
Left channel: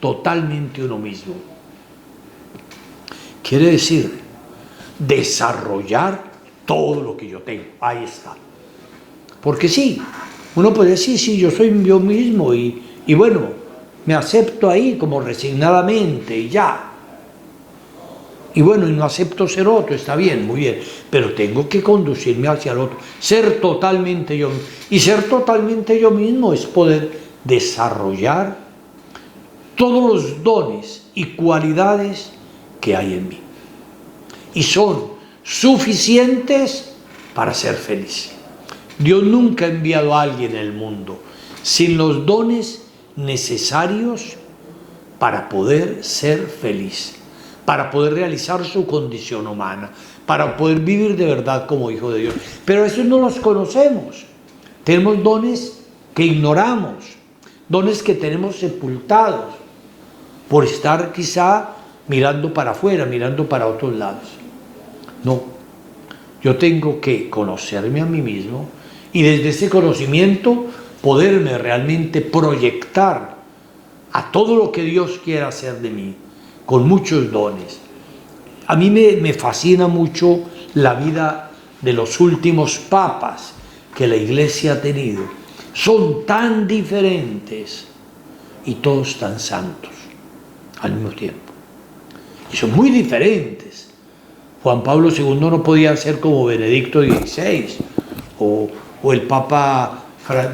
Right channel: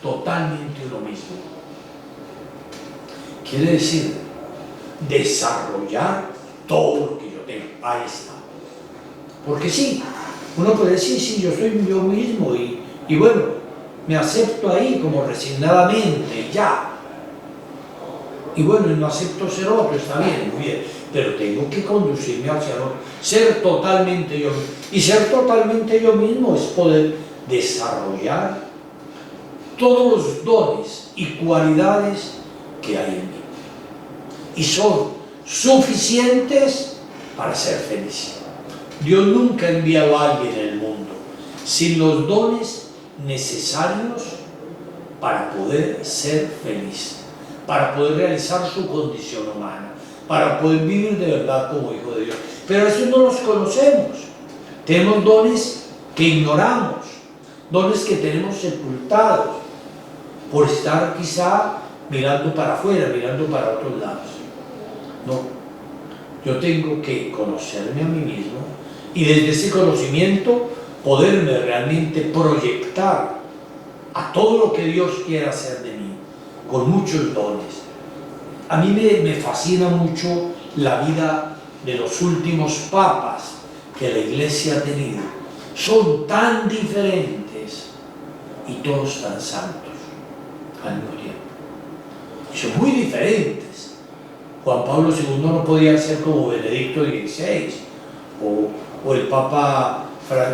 totalmente uno mismo, quiere decir desarrollar todo lo que yo tengo. Ahí está. Porque sí, uno puede decir, sí, yo soy yo mismo y bueno, me acepto ahí como resignadamente y ya. Y bueno, y no acepto ser otro, está bien, muy bien, pero tengo que conducirme hacia el otro, ser totalmente yo mismo. Y ser totalmente yo mismo es poder desarrollar todos los dones y cualidades que hay en mí. Y son suficientes para ser feliz. Dios nunca ha enviado a alguien en el mundo sin los dones necesarios para poder ser feliz, para poder realizar su condición humana, para poder vivir de verdad como hijo de Dios. Pero a veces no los conocemos. Tenemos dones que ignoramos, dones que tenemos sepultados por estar quizá mirando para afuera, mirando para otros lados. No, yo tengo que conocerme a mí mismo y desde ese conocimiento poderme realmente proyectar a todo lo que Dios quiera hacer de mí, con muchos dones. A mí me fascina mucho la vida de los últimos papas que la Iglesia ha tenido. Son tan diferentes y todos tan santos al mismo tiempo. Y son muy diferentes. Juan Pablo II no podía ser como Benedicto XVI, o el Papa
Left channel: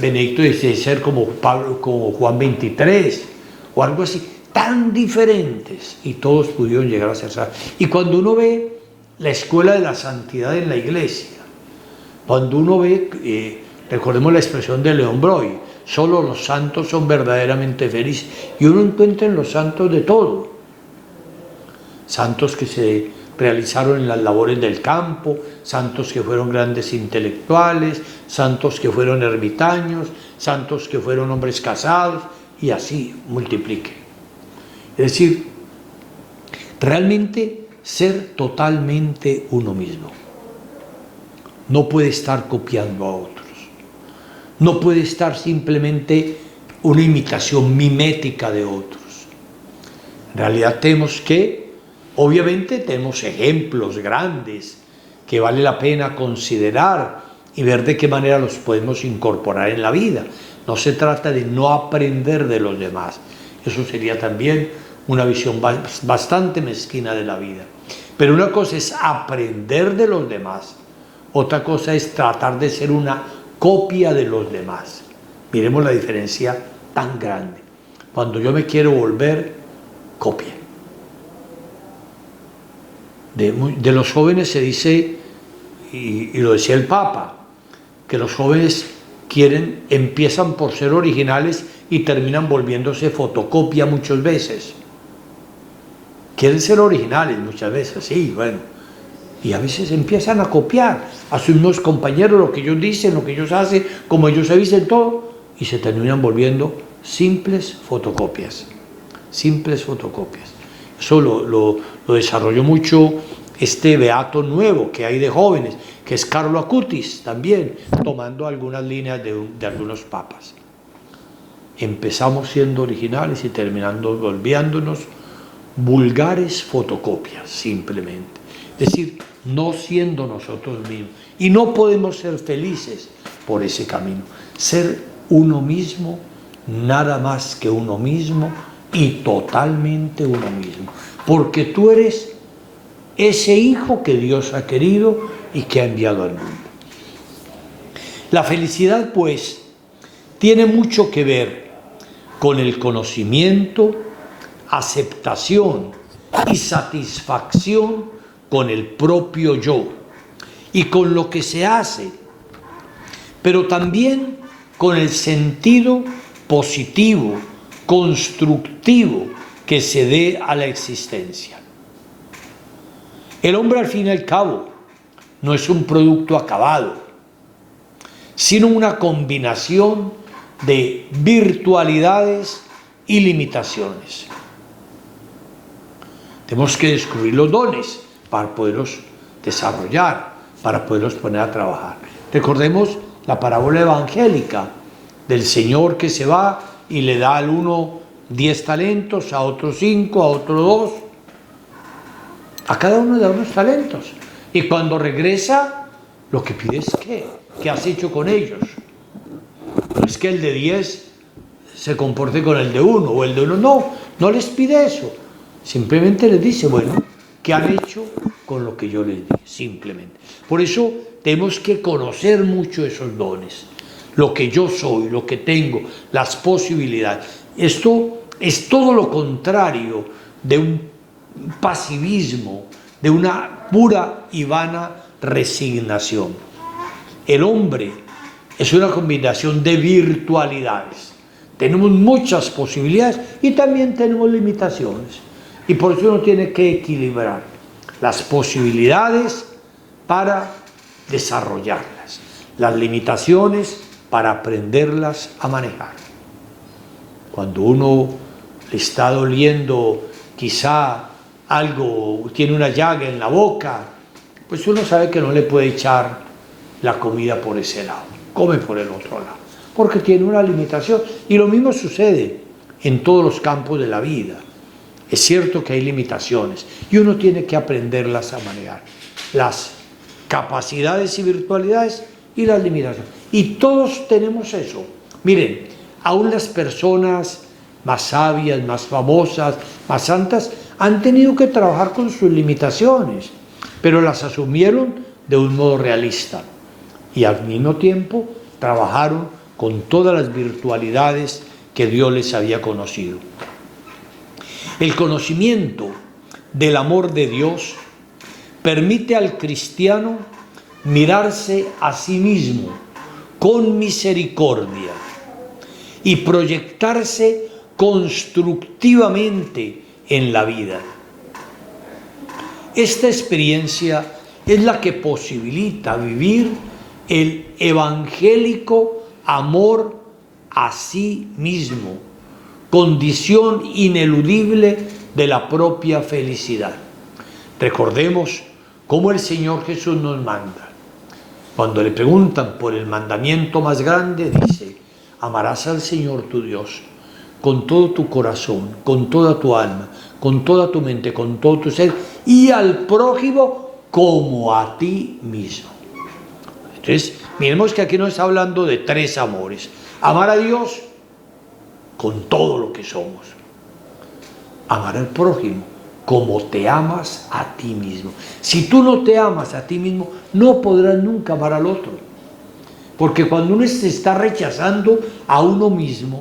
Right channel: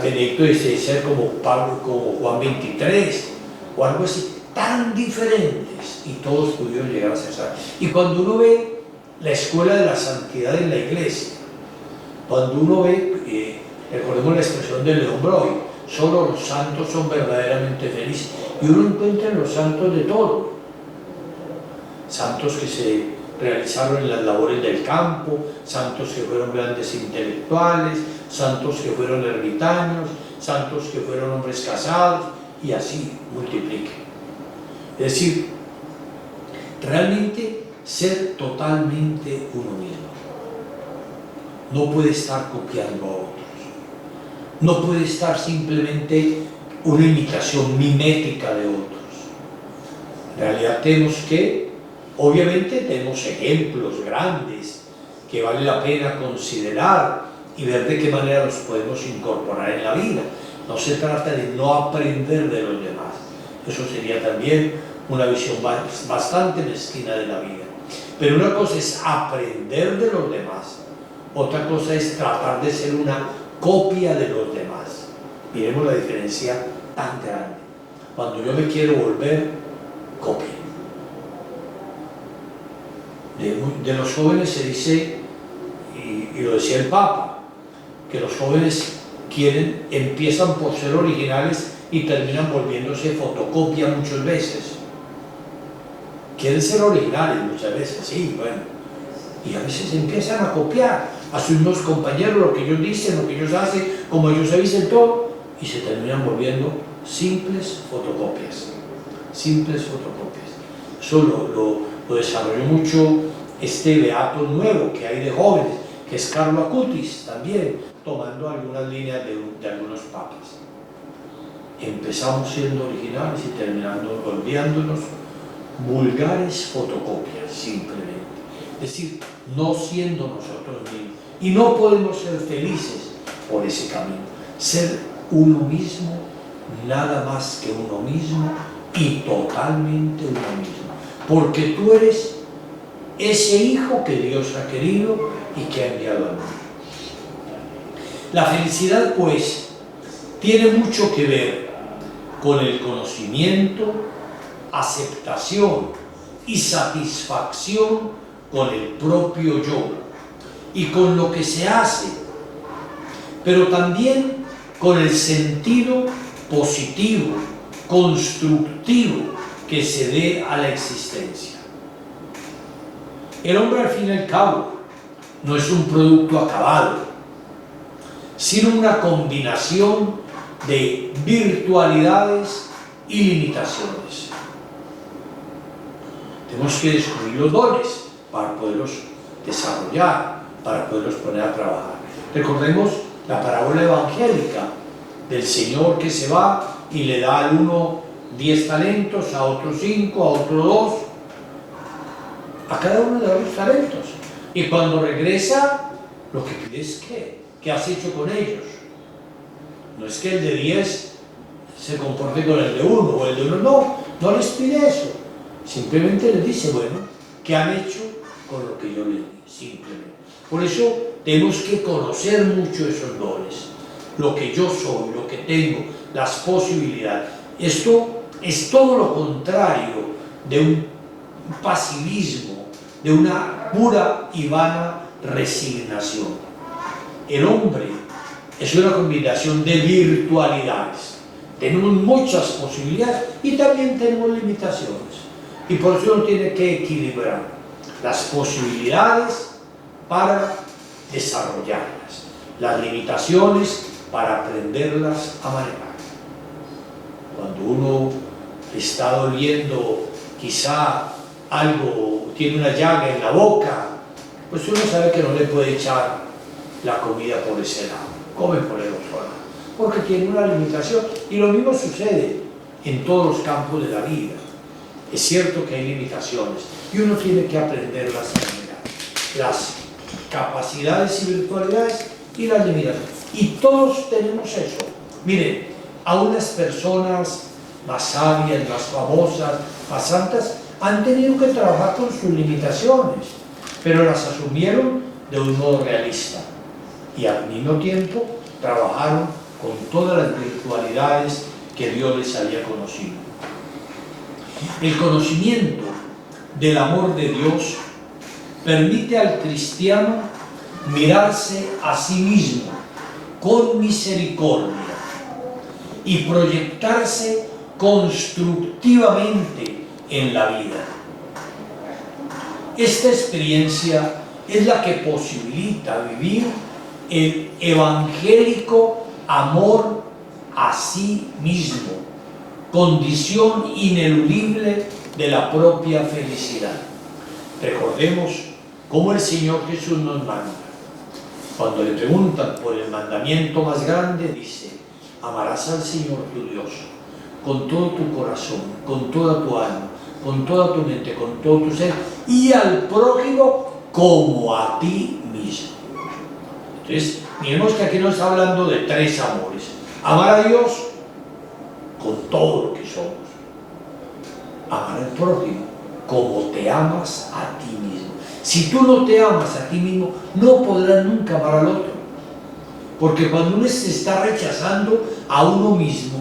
Benedicto XVI ser como Juan XXIII, o algo así. Tan diferentes y todos pudieron llegar a ser santos. Y cuando uno ve la escuela de la santidad en la Iglesia, cuando uno ve, recordemos la expresión de León Broy, solo los santos son verdaderamente felices, y uno encuentra en los santos de todo. Santos que se realizaron en las labores del campo, santos que fueron grandes intelectuales, santos que fueron ermitaños, santos que fueron hombres casados, y así multiplique. Es decir, realmente ser totalmente uno mismo. No puede estar copiando a otros. No puede estar simplemente una imitación mimética de otros. En realidad tenemos que, obviamente tenemos ejemplos grandes que vale la pena considerar y ver de qué manera los podemos incorporar en la vida. No se trata de no aprender de los demás. Eso sería también una visión bastante mezquina de la vida. Pero una cosa es aprender de los demás, otra cosa es tratar de ser una copia de los demás. Miremos la diferencia tan grande. cuando yo me quiero volver copia. De los jóvenes se dice, y lo decía el Papa, que los jóvenes empiezan por ser originales y terminan volviéndose fotocopia muchas veces. Quieren ser originales muchas veces, sí, bueno. Y a veces empiezan a copiar a sus nuevos compañeros lo que ellos dicen, lo que ellos hacen, como ellos se dicen todo, y se terminan volviendo simples fotocopias. Simples fotocopias. Eso lo desarrolló mucho este beato nuevo que hay de jóvenes, que es Carlo Acutis, también tomando algunas líneas de algunos papas. Empezamos siendo originales y terminando volviéndonos vulgares fotocopias, simplemente. Es decir, no siendo nosotros mismos. Y no podemos ser felices por ese camino. Ser uno mismo, nada más que uno mismo y totalmente uno mismo. Porque tú eres ese hijo que Dios ha querido y que ha enviado al mundo. La felicidad, pues, tiene mucho que ver con el conocimiento, aceptación y satisfacción con el propio yo y con lo que se hace, pero también con el sentido positivo, constructivo que se dé a la existencia. El hombre, al fin y al cabo, no es un producto acabado, sino una combinación de virtualidades y limitaciones. Tenemos que descubrir los dones para poderlos desarrollar, para poderlos poner a trabajar. Recordemos la parábola evangélica del Señor que se va y le da al uno 10 talentos, a otro 5, a otro 2. A cada uno le da unos talentos. Y cuando regresa, lo que pide es ¿qué has hecho con ellos? No es que el de 10 se comporte con el de 1 o el de 1, no les pide eso. Simplemente les dice, bueno, ¿qué han hecho con lo que yo les di? Simplemente. Por eso tenemos que conocer mucho esos dones, lo que yo soy, lo que tengo, las posibilidades. Esto es todo lo contrario de un pasivismo, de una pura y vana resignación. El hombre es una combinación de virtualidades. Tenemos muchas posibilidades y también tenemos limitaciones. Y por eso uno tiene que equilibrar las posibilidades para desarrollarlas, las limitaciones para aprenderlas a manejar. Cuando uno está doliendo quizá algo, tiene una llaga en la boca, pues uno sabe que no le puede echar la comida por ese lado, come por el otro lado, porque tiene una limitación. Y lo mismo sucede en todos los campos de la vida. Es cierto que hay limitaciones y uno tiene que aprenderlas a manejar. Las capacidades y virtualidades y las limitaciones. Y todos tenemos eso. Miren, aún las personas más sabias, más famosas, más santas, han tenido que trabajar con sus limitaciones, pero las asumieron de un modo realista. Y al mismo tiempo trabajaron con todas las virtualidades que Dios les había conocido. El conocimiento del amor de Dios permite al cristiano mirarse a sí mismo con misericordia y proyectarse constructivamente en la vida. Esta experiencia es la que posibilita vivir el evangélico amor a sí mismo, condición ineludible de la propia felicidad. Recordemos cómo el Señor Jesús nos manda. Cuando le preguntan por el mandamiento más grande, dice: amarás al Señor tu Dios con todo tu corazón, con toda tu alma, con toda tu mente, con todo tu ser, y al prójimo como a ti mismo. Entonces, miremos que aquí nos está hablando de 3 amores. Amar a Dios con todo lo que somos. Amar al prójimo como te amas a ti mismo. Si tú no te amas a ti mismo, no podrás nunca amar al otro. Porque cuando uno se está rechazando a uno mismo,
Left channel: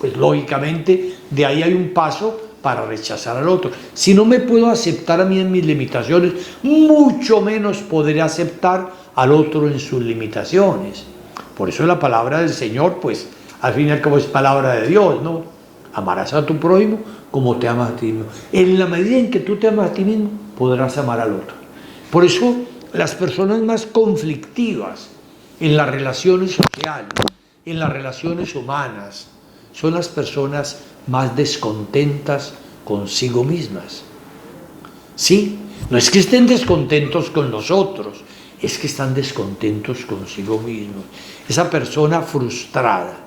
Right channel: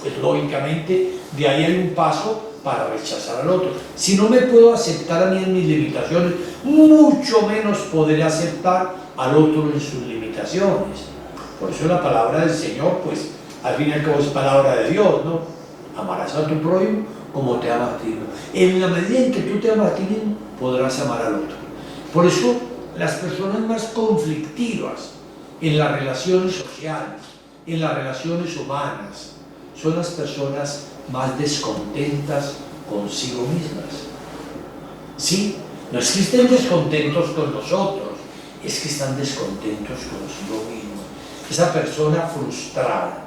pues lógicamente de ahí hay un paso para rechazar al otro. Si no me puedo aceptar a mí en mis limitaciones, mucho menos podré aceptar al otro en sus limitaciones. Por eso la palabra del Señor, pues, al fin y al cabo es palabra de Dios, ¿no? Amarás a tu prójimo como te amas a ti mismo. En la medida en que tú te amas a ti mismo, podrás amar al otro. Por eso, las personas más conflictivas en las relaciones sociales, en las relaciones humanas, son las personas más descontentas consigo mismas. Sí, no es que estén descontentos con nosotros, es que están descontentos consigo mismos. Esa persona frustrada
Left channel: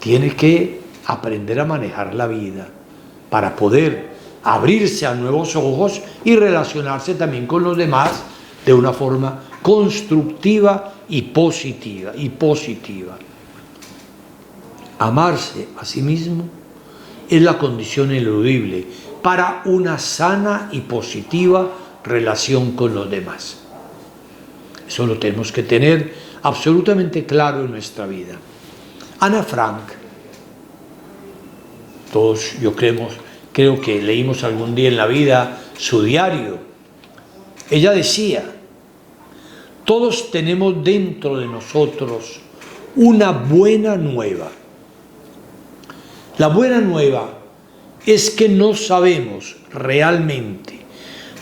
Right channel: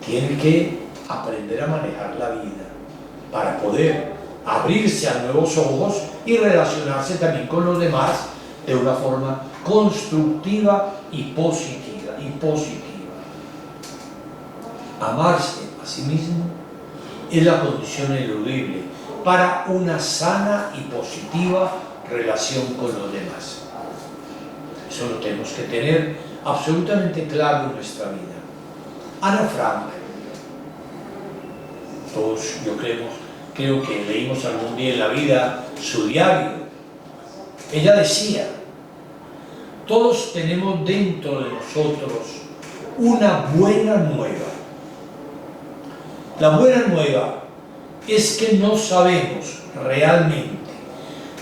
tiene que aprender a manejar la vida para poder abrirse a nuevos ojos y relacionarse también con los demás de una forma constructiva y positiva. Amarse a sí mismo es la condición ineludible para una sana y positiva relación con los demás. Eso lo tenemos que tener absolutamente claro en nuestra vida. Ana Frank, todos creo que leímos algún día en la vida su diario. Ella decía: todos tenemos dentro de nosotros una buena nueva. La buena nueva es que no sabemos realmente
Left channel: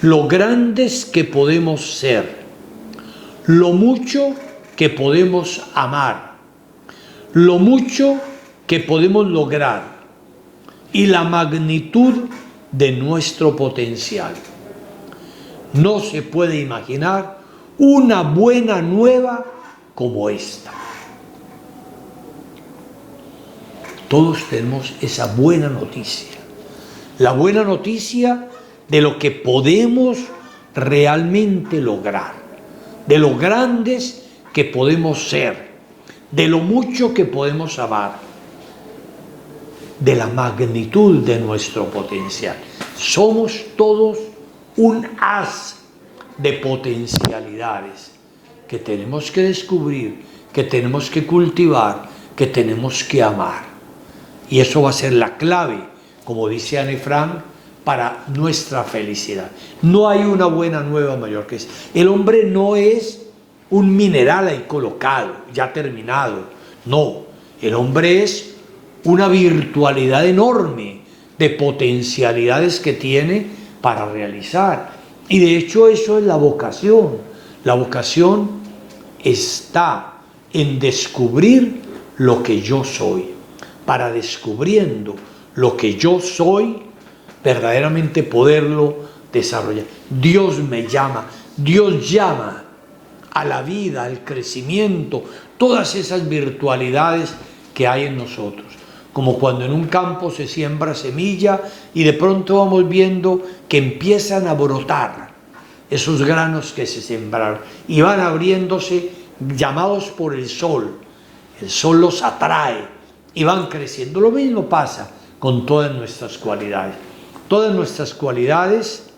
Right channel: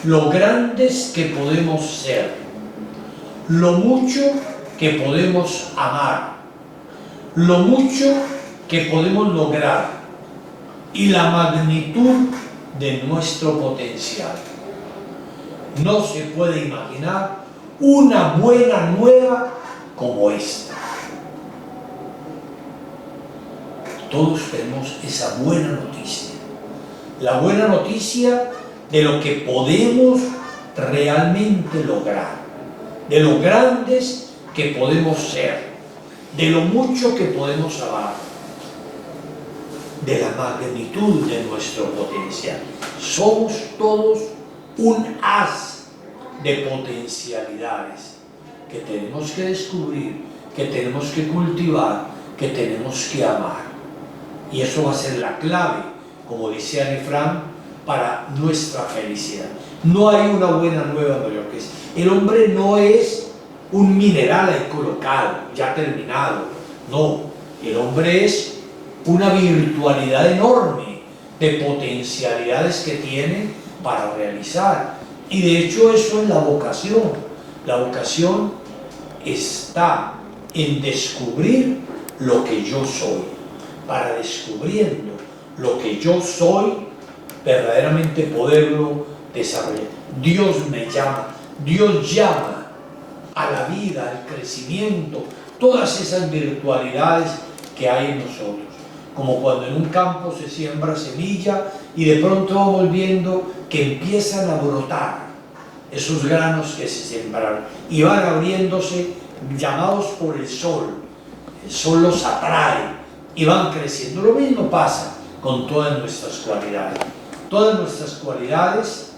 lo grandes que podemos ser, lo mucho que podemos amar, lo mucho que podemos lograr y la magnitud de nuestro potencial. No se puede imaginar una buena nueva como esta. Todos tenemos esa buena noticia. La buena noticia de lo que podemos realmente lograr, de lo grandes que podemos ser, de lo mucho que podemos amar, de la magnitud de nuestro potencial. Somos todos un haz de potencialidades que tenemos que descubrir, que tenemos que cultivar, que tenemos que amar. Y eso va a ser la clave, como dice Anne Frank, para nuestra felicidad. No hay una buena nueva mayor que esa. El hombre no es un mineral ahí colocado, ya terminado. No, el hombre es una virtualidad enorme de potencialidades que tiene para realizar. Y de hecho eso es la vocación. La vocación está en descubrir lo que yo soy. Para descubriendo lo que yo soy, verdaderamente poderlo desarrollar. Dios me llama, Dios llama a la vida, al crecimiento, todas esas virtualidades que hay en nosotros. Como cuando en un campo se siembra semilla y de pronto vamos viendo que empiezan a brotar esos granos que se sembraron y van abriéndose, llamados por el sol los atrae y van creciendo. Lo mismo pasa con todas nuestras cualidades. Todas nuestras cualidades,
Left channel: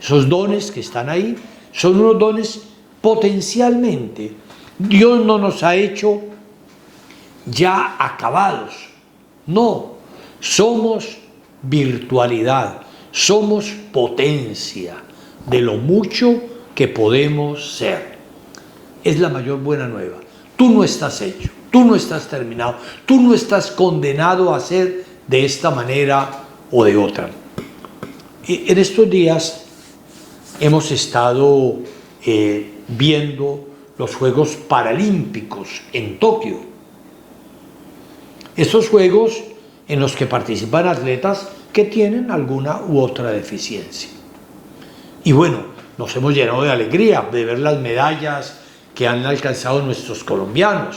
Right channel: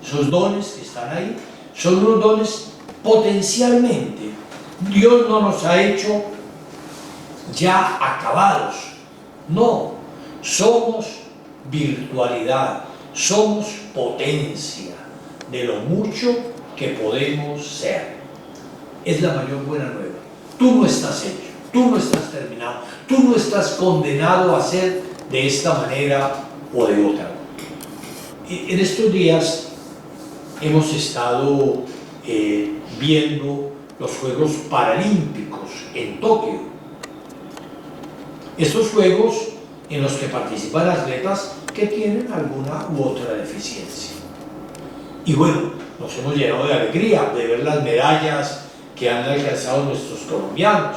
esos dones que están ahí, son unos dones potencialmente. Dios no nos ha hecho ya acabados. No, somos virtualidad, somos potencia de lo mucho que podemos ser. Es la mayor buena nueva. Tú no estás hecho, tú no estás terminado, tú no estás condenado a ser de esta manera o de otra. En estos días hemos estado viendo los Juegos Paralímpicos en Tokio. Estos Juegos en los que participan atletas que tienen alguna u otra deficiencia. Y bueno, nos hemos llenado de alegría de ver las medallas que han alcanzado nuestros colombianos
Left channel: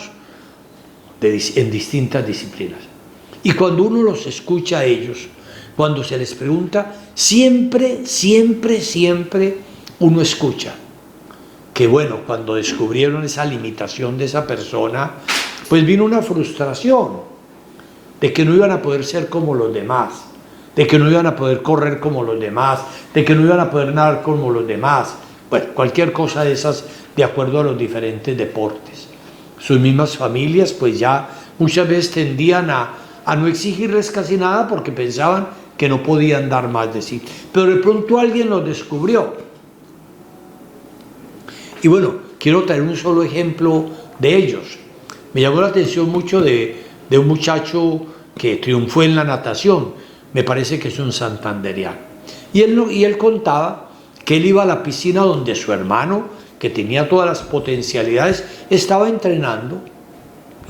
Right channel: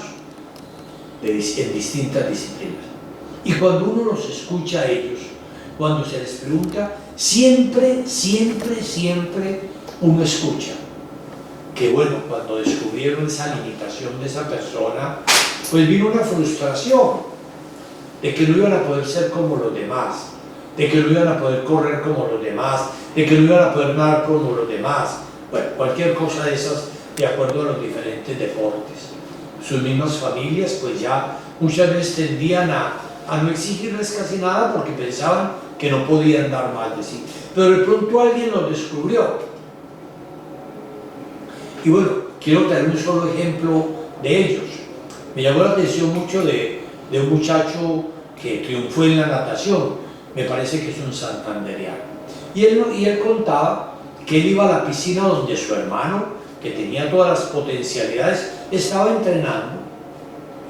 en distintas disciplinas. Y cuando uno los escucha a ellos, cuando se les pregunta, siempre uno escucha que bueno, cuando descubrieron esa limitación de esa persona, pues vino una frustración de que no iban a poder ser como los demás, de que no iban a poder correr como los demás, de que no iban a poder nadar como los demás, bueno, cualquier cosa de esas de acuerdo a los diferentes deportes. Sus mismas familias pues ya muchas veces tendían a a no exigirles casi nada porque pensaban que no podían dar más de sí. Pero de pronto alguien los descubrió. Y bueno, quiero traer un solo ejemplo de ellos. Me llamó la atención mucho de un muchacho que triunfó en la natación, me parece que es un santandereano. Y él contaba que él iba a la piscina donde su hermano, que tenía todas las potencialidades, estaba entrenando.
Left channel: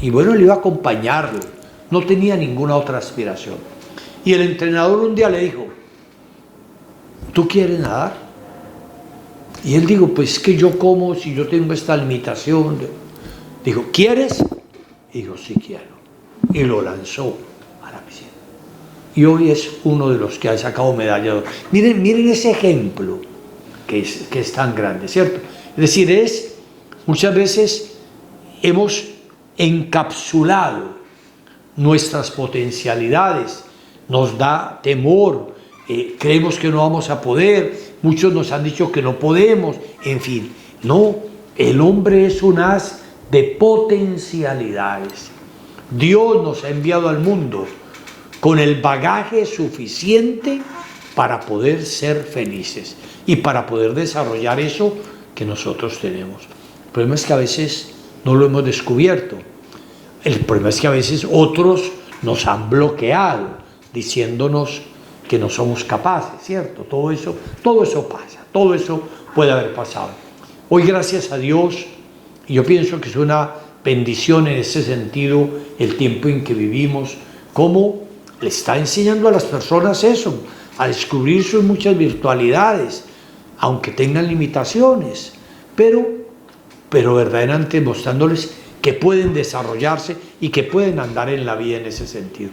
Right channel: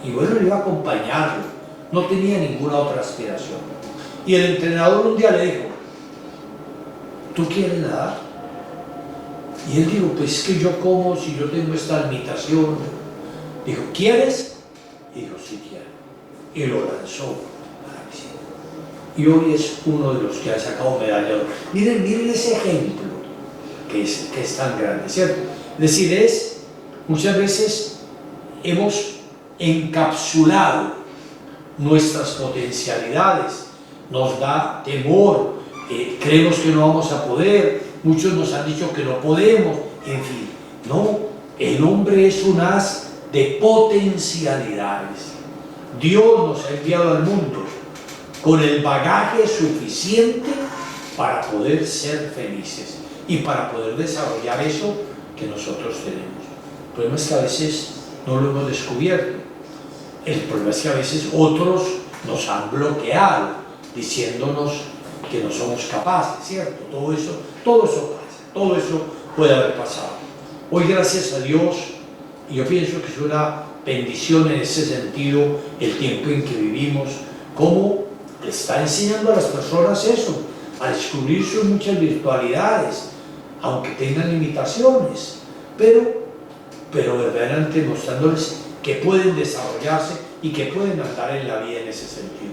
Y bueno, él iba a acompañarlo, no tenía ninguna otra aspiración. Y el entrenador un día le dijo: ¿tú quieres nadar? Y él dijo: pues que yo como si yo tengo esta limitación. Dijo: ¿quieres? Y dijo: sí quiero. Y lo lanzó a la piscina. Y hoy es uno de los que ha sacado medalla de oro. Miren ese ejemplo que es tan grande, ¿cierto? Es decir, muchas veces hemos encapsulado nuestras potencialidades, nos da temor, creemos que no vamos a poder, muchos nos han dicho que no podemos, en fin. No, el hombre es un haz de potencialidades. Dios nos ha enviado al mundo con el bagaje suficiente para poder ser felices y para poder desarrollar eso que nosotros tenemos. El problema es que a veces no lo hemos descubierto. El problema es que a veces otros nos han bloqueado diciéndonos que no somos capaces, ¿cierto? Todo eso pasa, todo eso puede haber pasado. Hoy, gracias a Dios, y yo pienso que es una bendición en ese sentido el tiempo en que vivimos, cómo le está enseñando a las personas eso, a descubrir sus muchas virtualidades, aunque tengan limitaciones, pero verdaderamente mostrándoles que pueden desarrollarse y que pueden andar en la vida en ese sentido.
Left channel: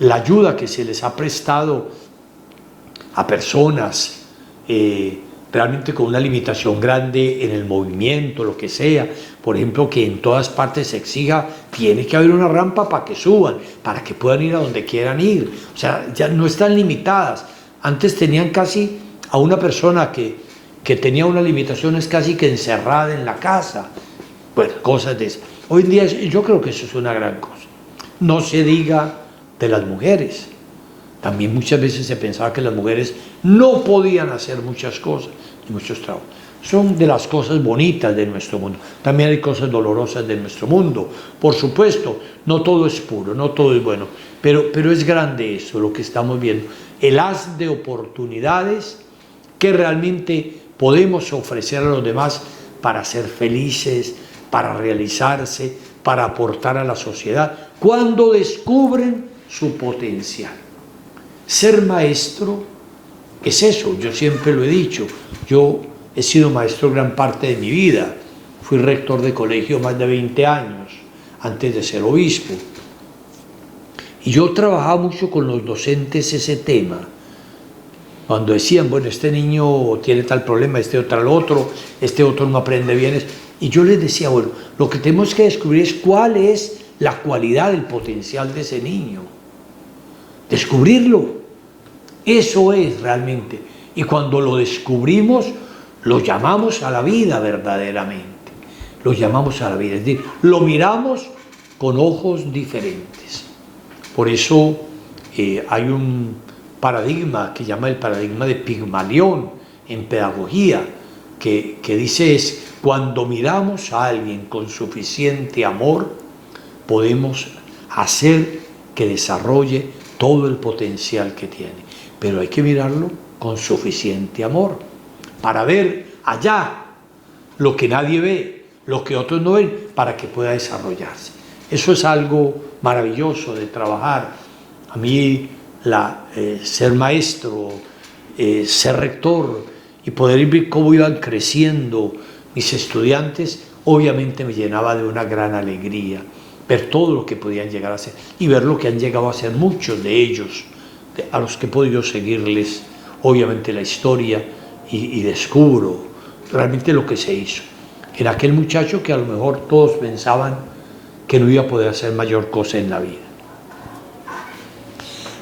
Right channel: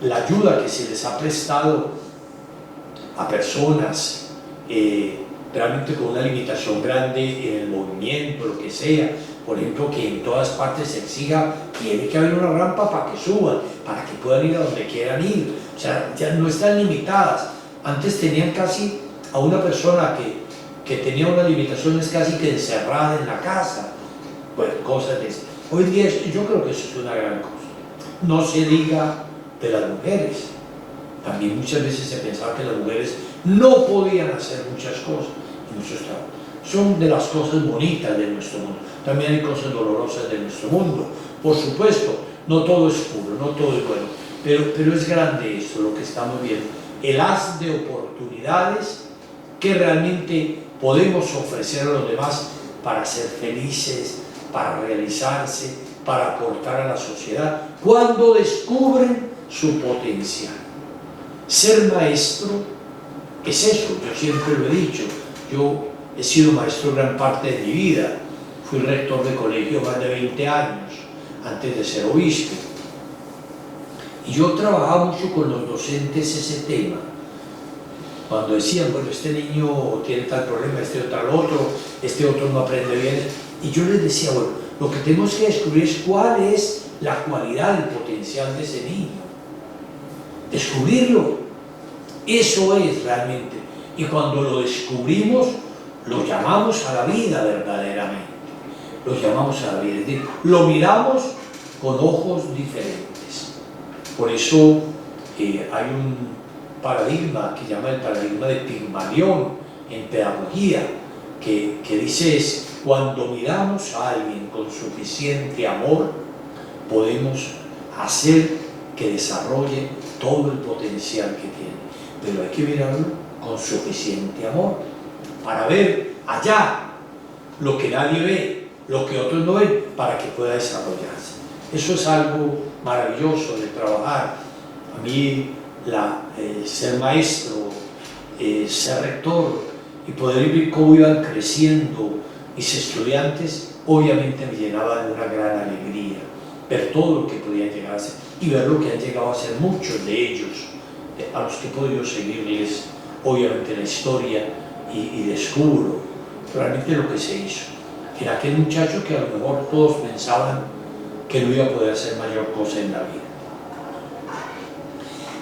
La ayuda que se les ha prestado a personas realmente con una limitación grande en el movimiento, lo que sea, por ejemplo, que en todas partes se exija, tiene que haber una rampa para que suban, para que puedan ir a donde quieran ir, o sea, ya no están limitadas. Antes tenían casi a una persona que tenía unas limitaciones casi que encerrada en la casa, pues cosas de esas. Hoy en día yo creo que eso es una gran cosa. No se diga de las mujeres. También muchas veces se pensaba que las mujeres no podían hacer muchas cosas y muchos trabajos. Son de las cosas bonitas de nuestro mundo. También hay cosas dolorosas de nuestro mundo. Por supuesto, no todo es puro, no todo es bueno, pero es grande eso, lo que estamos viendo. El haz de oportunidades que realmente podemos ofrecer a los demás para ser felices, para realizarse, para aportar a la sociedad, cuando descubren su potencial. Ser maestro es eso, yo siempre lo he dicho. Yo he sido maestro gran parte de mi vida, fui rector de colegio más de 20 años, antes de ser obispo. Y yo trabajaba mucho con los docentes ese tema. Cuando decían, bueno, este niño tiene tal problema, este otro no aprende bien. Y yo les decía, bueno, lo que tenemos que descubrir es cuál es la cualidad, el potencial de ese niño. Descubrirlo. Eso es realmente. Y cuando lo descubrimos, lo llamamos a la vida verdaderamente. Lo llamamos a la vida. Es decir, lo miramos con ojos diferentes. Por eso hay un paradigma que llama el paradigma de Pigmalión en pedagogía, que dice es: cuando miramos a alguien con suficiente amor, podemos hacer que desarrolle todo el potencial que tiene. Pero hay que mirarlo con suficiente amor para ver allá lo que nadie ve, lo que otros no ven, para que pueda desarrollarse. Eso es algo maravilloso de trabajar. A mí ser maestro, ser rector y poder ver cómo iban creciendo mis estudiantes, obviamente me llenaba de una gran alegría, ver todo lo que podían llegar a ser y ver lo que han llegado a ser muchos de ellos, a los que he podido seguirles, obviamente, la historia y descubro realmente lo que se hizo. Era aquel muchacho que a lo mejor todos pensaban que no iba a poder hacer mayor cosa en la vida.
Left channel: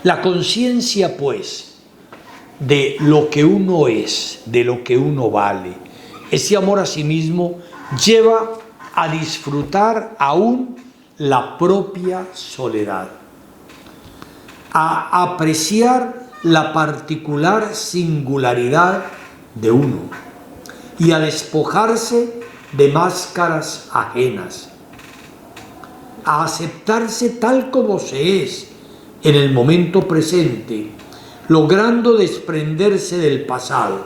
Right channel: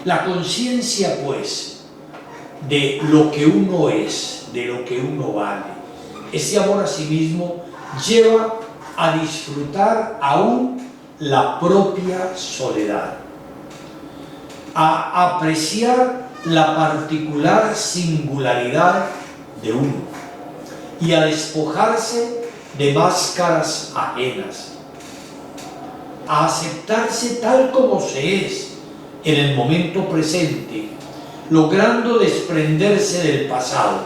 La conciencia, pues, de lo que uno es, de lo que uno vale, ese amor a sí mismo lleva a disfrutar aún la propia soledad. a apreciar la particular singularidad de uno y a despojarse de máscaras ajenas, a aceptarse tal como se es en el momento presente, logrando desprenderse del pasado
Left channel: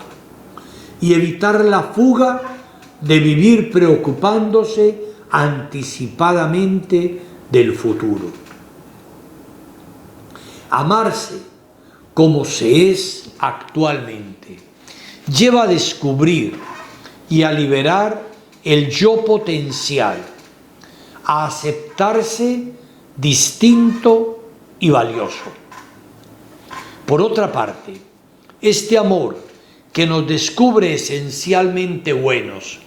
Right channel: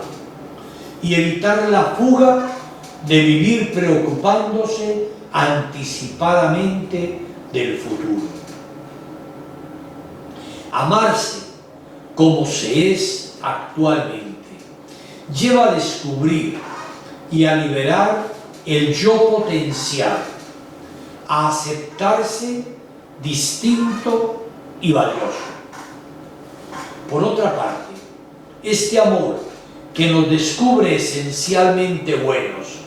y evitar la fuga de vivir preocupándose anticipadamente del futuro. Amarse como se es actualmente lleva a descubrir y a liberar el yo potencial, a aceptarse distinto y valioso. Por otra parte, este amor que nos descubre esencialmente buenos,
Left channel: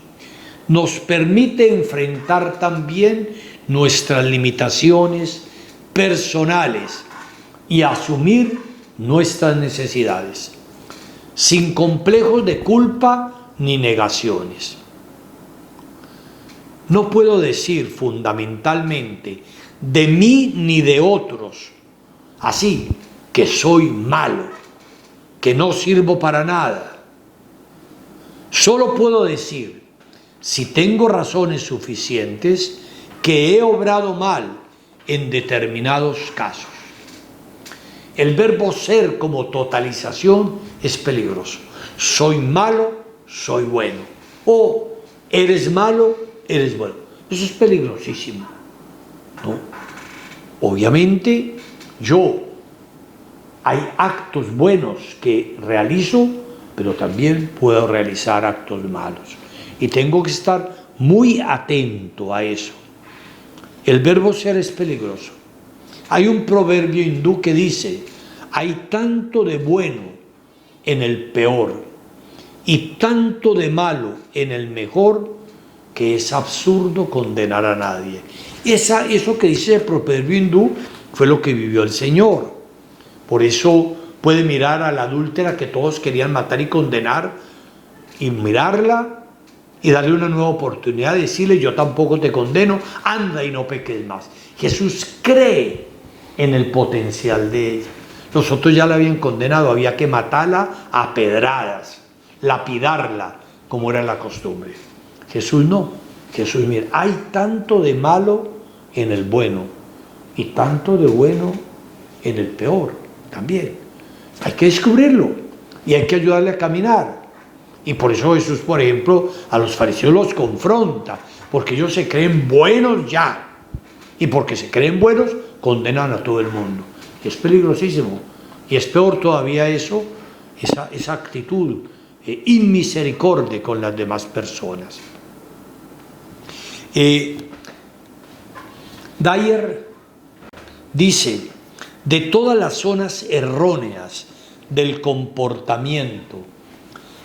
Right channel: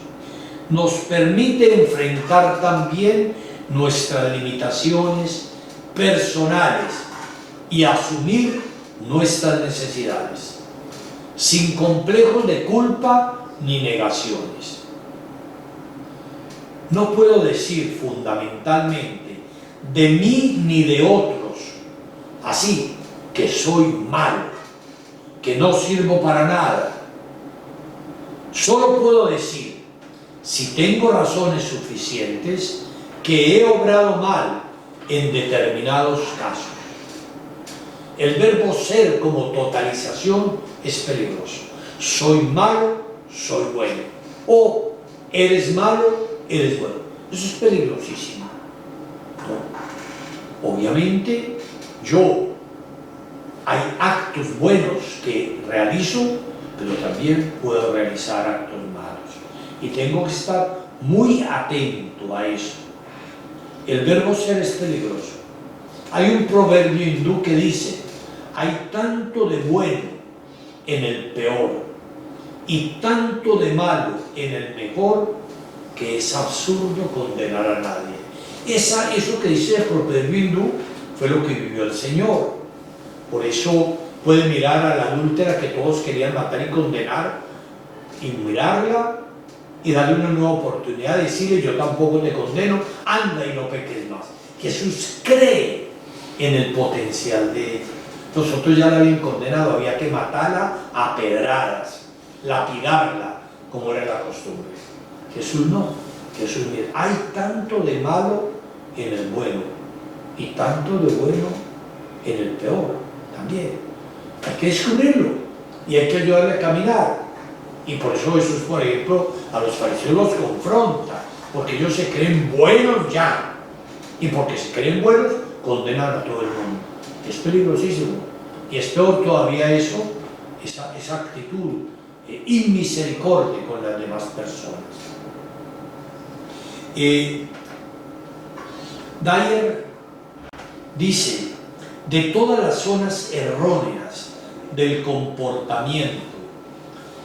nos permite enfrentar también nuestras limitaciones personales y asumir nuestras necesidades, sin complejos de culpa ni negaciones. No puedo decir fundamentalmente de mí ni de otros, así que soy malo, que no sirvo para nada. Solo puedo decir, si tengo razones suficientes, que he obrado mal en determinados casos. El verbo ser como totalización es peligroso. Soy malo, soy bueno. O eres malo, eres bueno. Eso es peligrosísimo, ¿no? Obviamente, hay actos buenos que realizo, pero también puedo realizar actos malos. Y tengo que estar muy atento a eso. El verbo ser es peligroso. Hay un proverbio hindú que dice, hay tanto de bueno en el peor y tanto de malo en el mejor que es absurdo condenar a nadie. Eso que dice el proverbio hindú fue lo que vivió el Señor. Por eso puede mirar a la adúltera que todos querían matar y condenar, y mirarla y darle una nueva oportunidad, decirle, yo tampoco te condeno, anda y no peques más. Jesús cree en el potencial de ella. Nosotros ya la habían condenado, había que matarla a pedradas, lapidarla, como era la costumbre. Jesús no. Jesús, mira, hay tanto de malo en el bueno y tanto de bueno en el peor también. Hay que descubrirlo y hay que ayudarle a caminar. Y por eso Jesús, por ejemplo, a los fariseos los confronta, porque ellos se creen buenos ya, y porque se creen buenos condenan a todo el mundo. Es peligrosísimo, y es peor todavía eso, esa actitud inmisericordia con las demás personas. Dyer dice, de todas las zonas erróneas del comportamiento,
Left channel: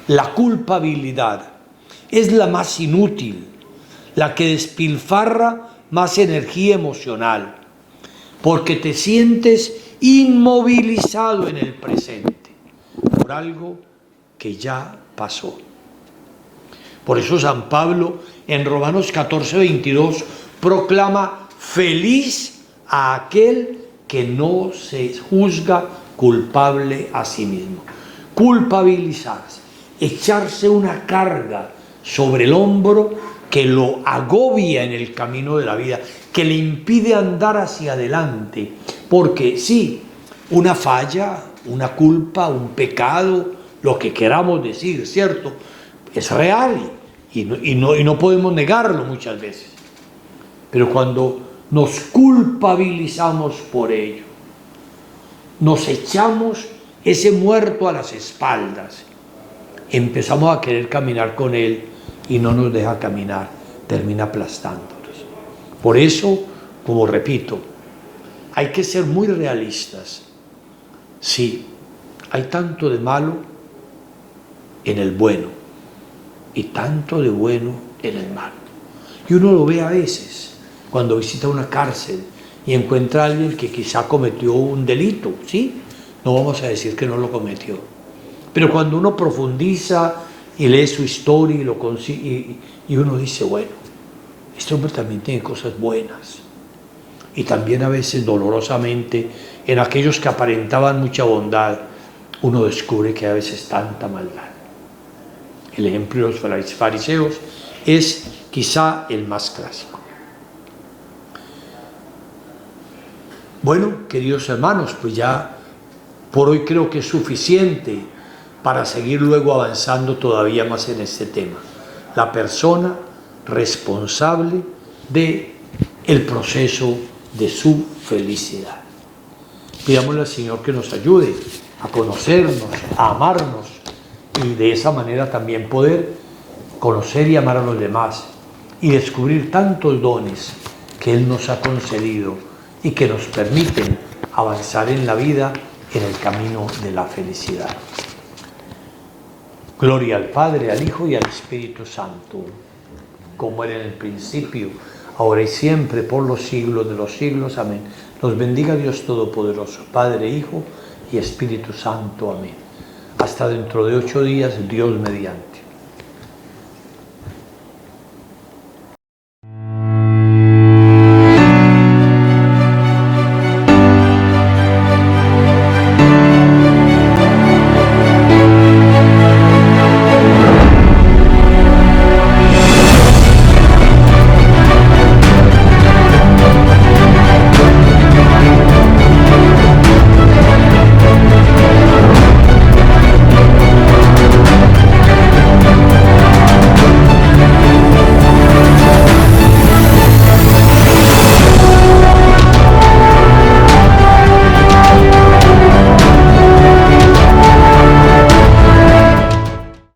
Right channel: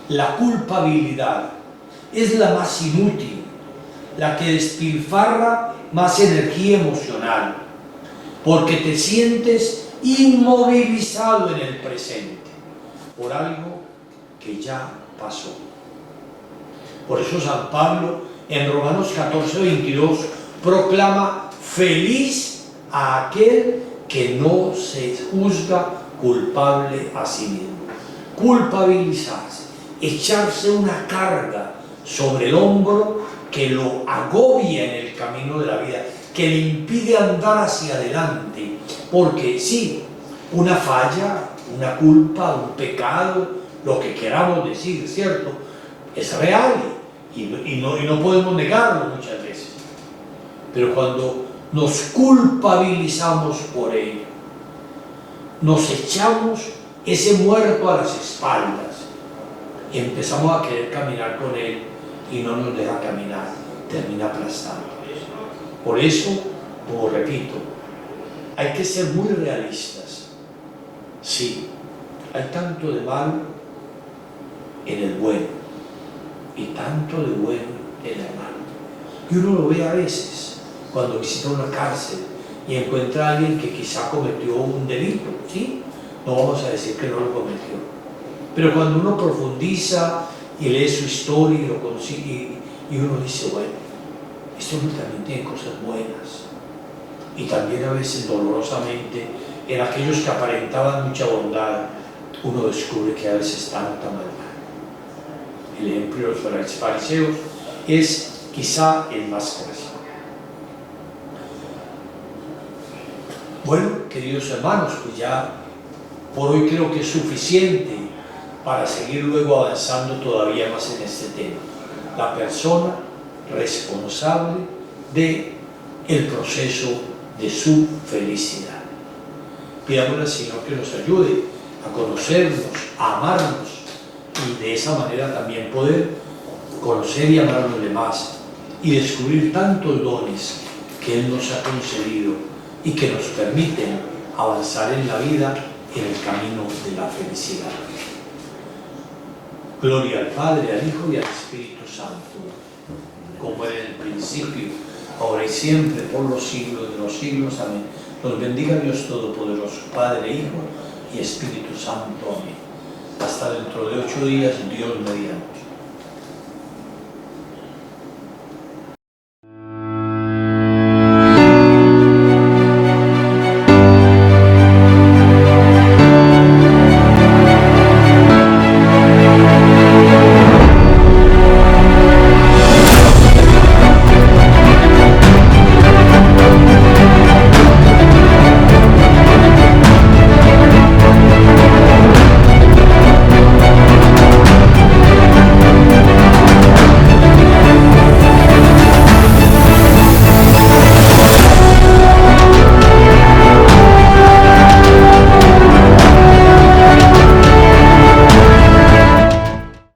la culpabilidad es la más inútil, la que despilfarra más energía emocional, porque te sientes inmovilizado en el presente por algo que ya pasó. Por eso San Pablo en Romanos 14:22 proclama feliz a aquel que no se juzga culpable a sí mismo. Culpabilizarse, echarse una carga sobre el hombro que lo agobia en el camino de la vida, que le impide andar hacia adelante, porque sí, una falla, una culpa, un pecado, lo que queramos decir, ¿cierto? Es real y no podemos negarlo muchas veces, pero cuando nos culpabilizamos por ello, nos echamos ese muerto a las espaldas, empezamos a querer caminar con él y no nos deja caminar, termina aplastándonos. Por eso, como repito, hay que ser muy realistas. Sí, hay tanto de malo en el bueno y tanto de bueno en el malo. Y uno lo ve a veces cuando visita una cárcel y encuentra a alguien que quizá cometió un delito, ¿sí? No vamos a decir que no lo cometió. Pero cuando uno profundiza y lee su historia y lo consigue, y uno dice, bueno, este hombre también tiene cosas buenas. Y también a veces dolorosamente en aquellos que aparentaban mucha bondad, uno descubre que a veces tanta maldad. El ejemplo de los fariseos es quizá el más clásico. Bueno, queridos hermanos, pues ya por hoy creo que es suficiente para seguir luego avanzando todavía más en este tema. La persona responsable del proceso de su felicidad. Pidámosle al Señor que nos ayude a conocernos, a amarnos y de esa manera también poder conocer y amar a los demás y descubrir tantos dones que Él nos ha concedido y que nos permiten avanzar en la vida en el camino de la felicidad. Gloria al Padre, al Hijo y al Espíritu Santo, como era en el principio, ahora y siempre, por los siglos de los siglos. Amén. Nos bendiga Dios Todopoderoso, Padre, Hijo y Espíritu Santo. Amén. Hasta dentro de 8 días, Dios mediante.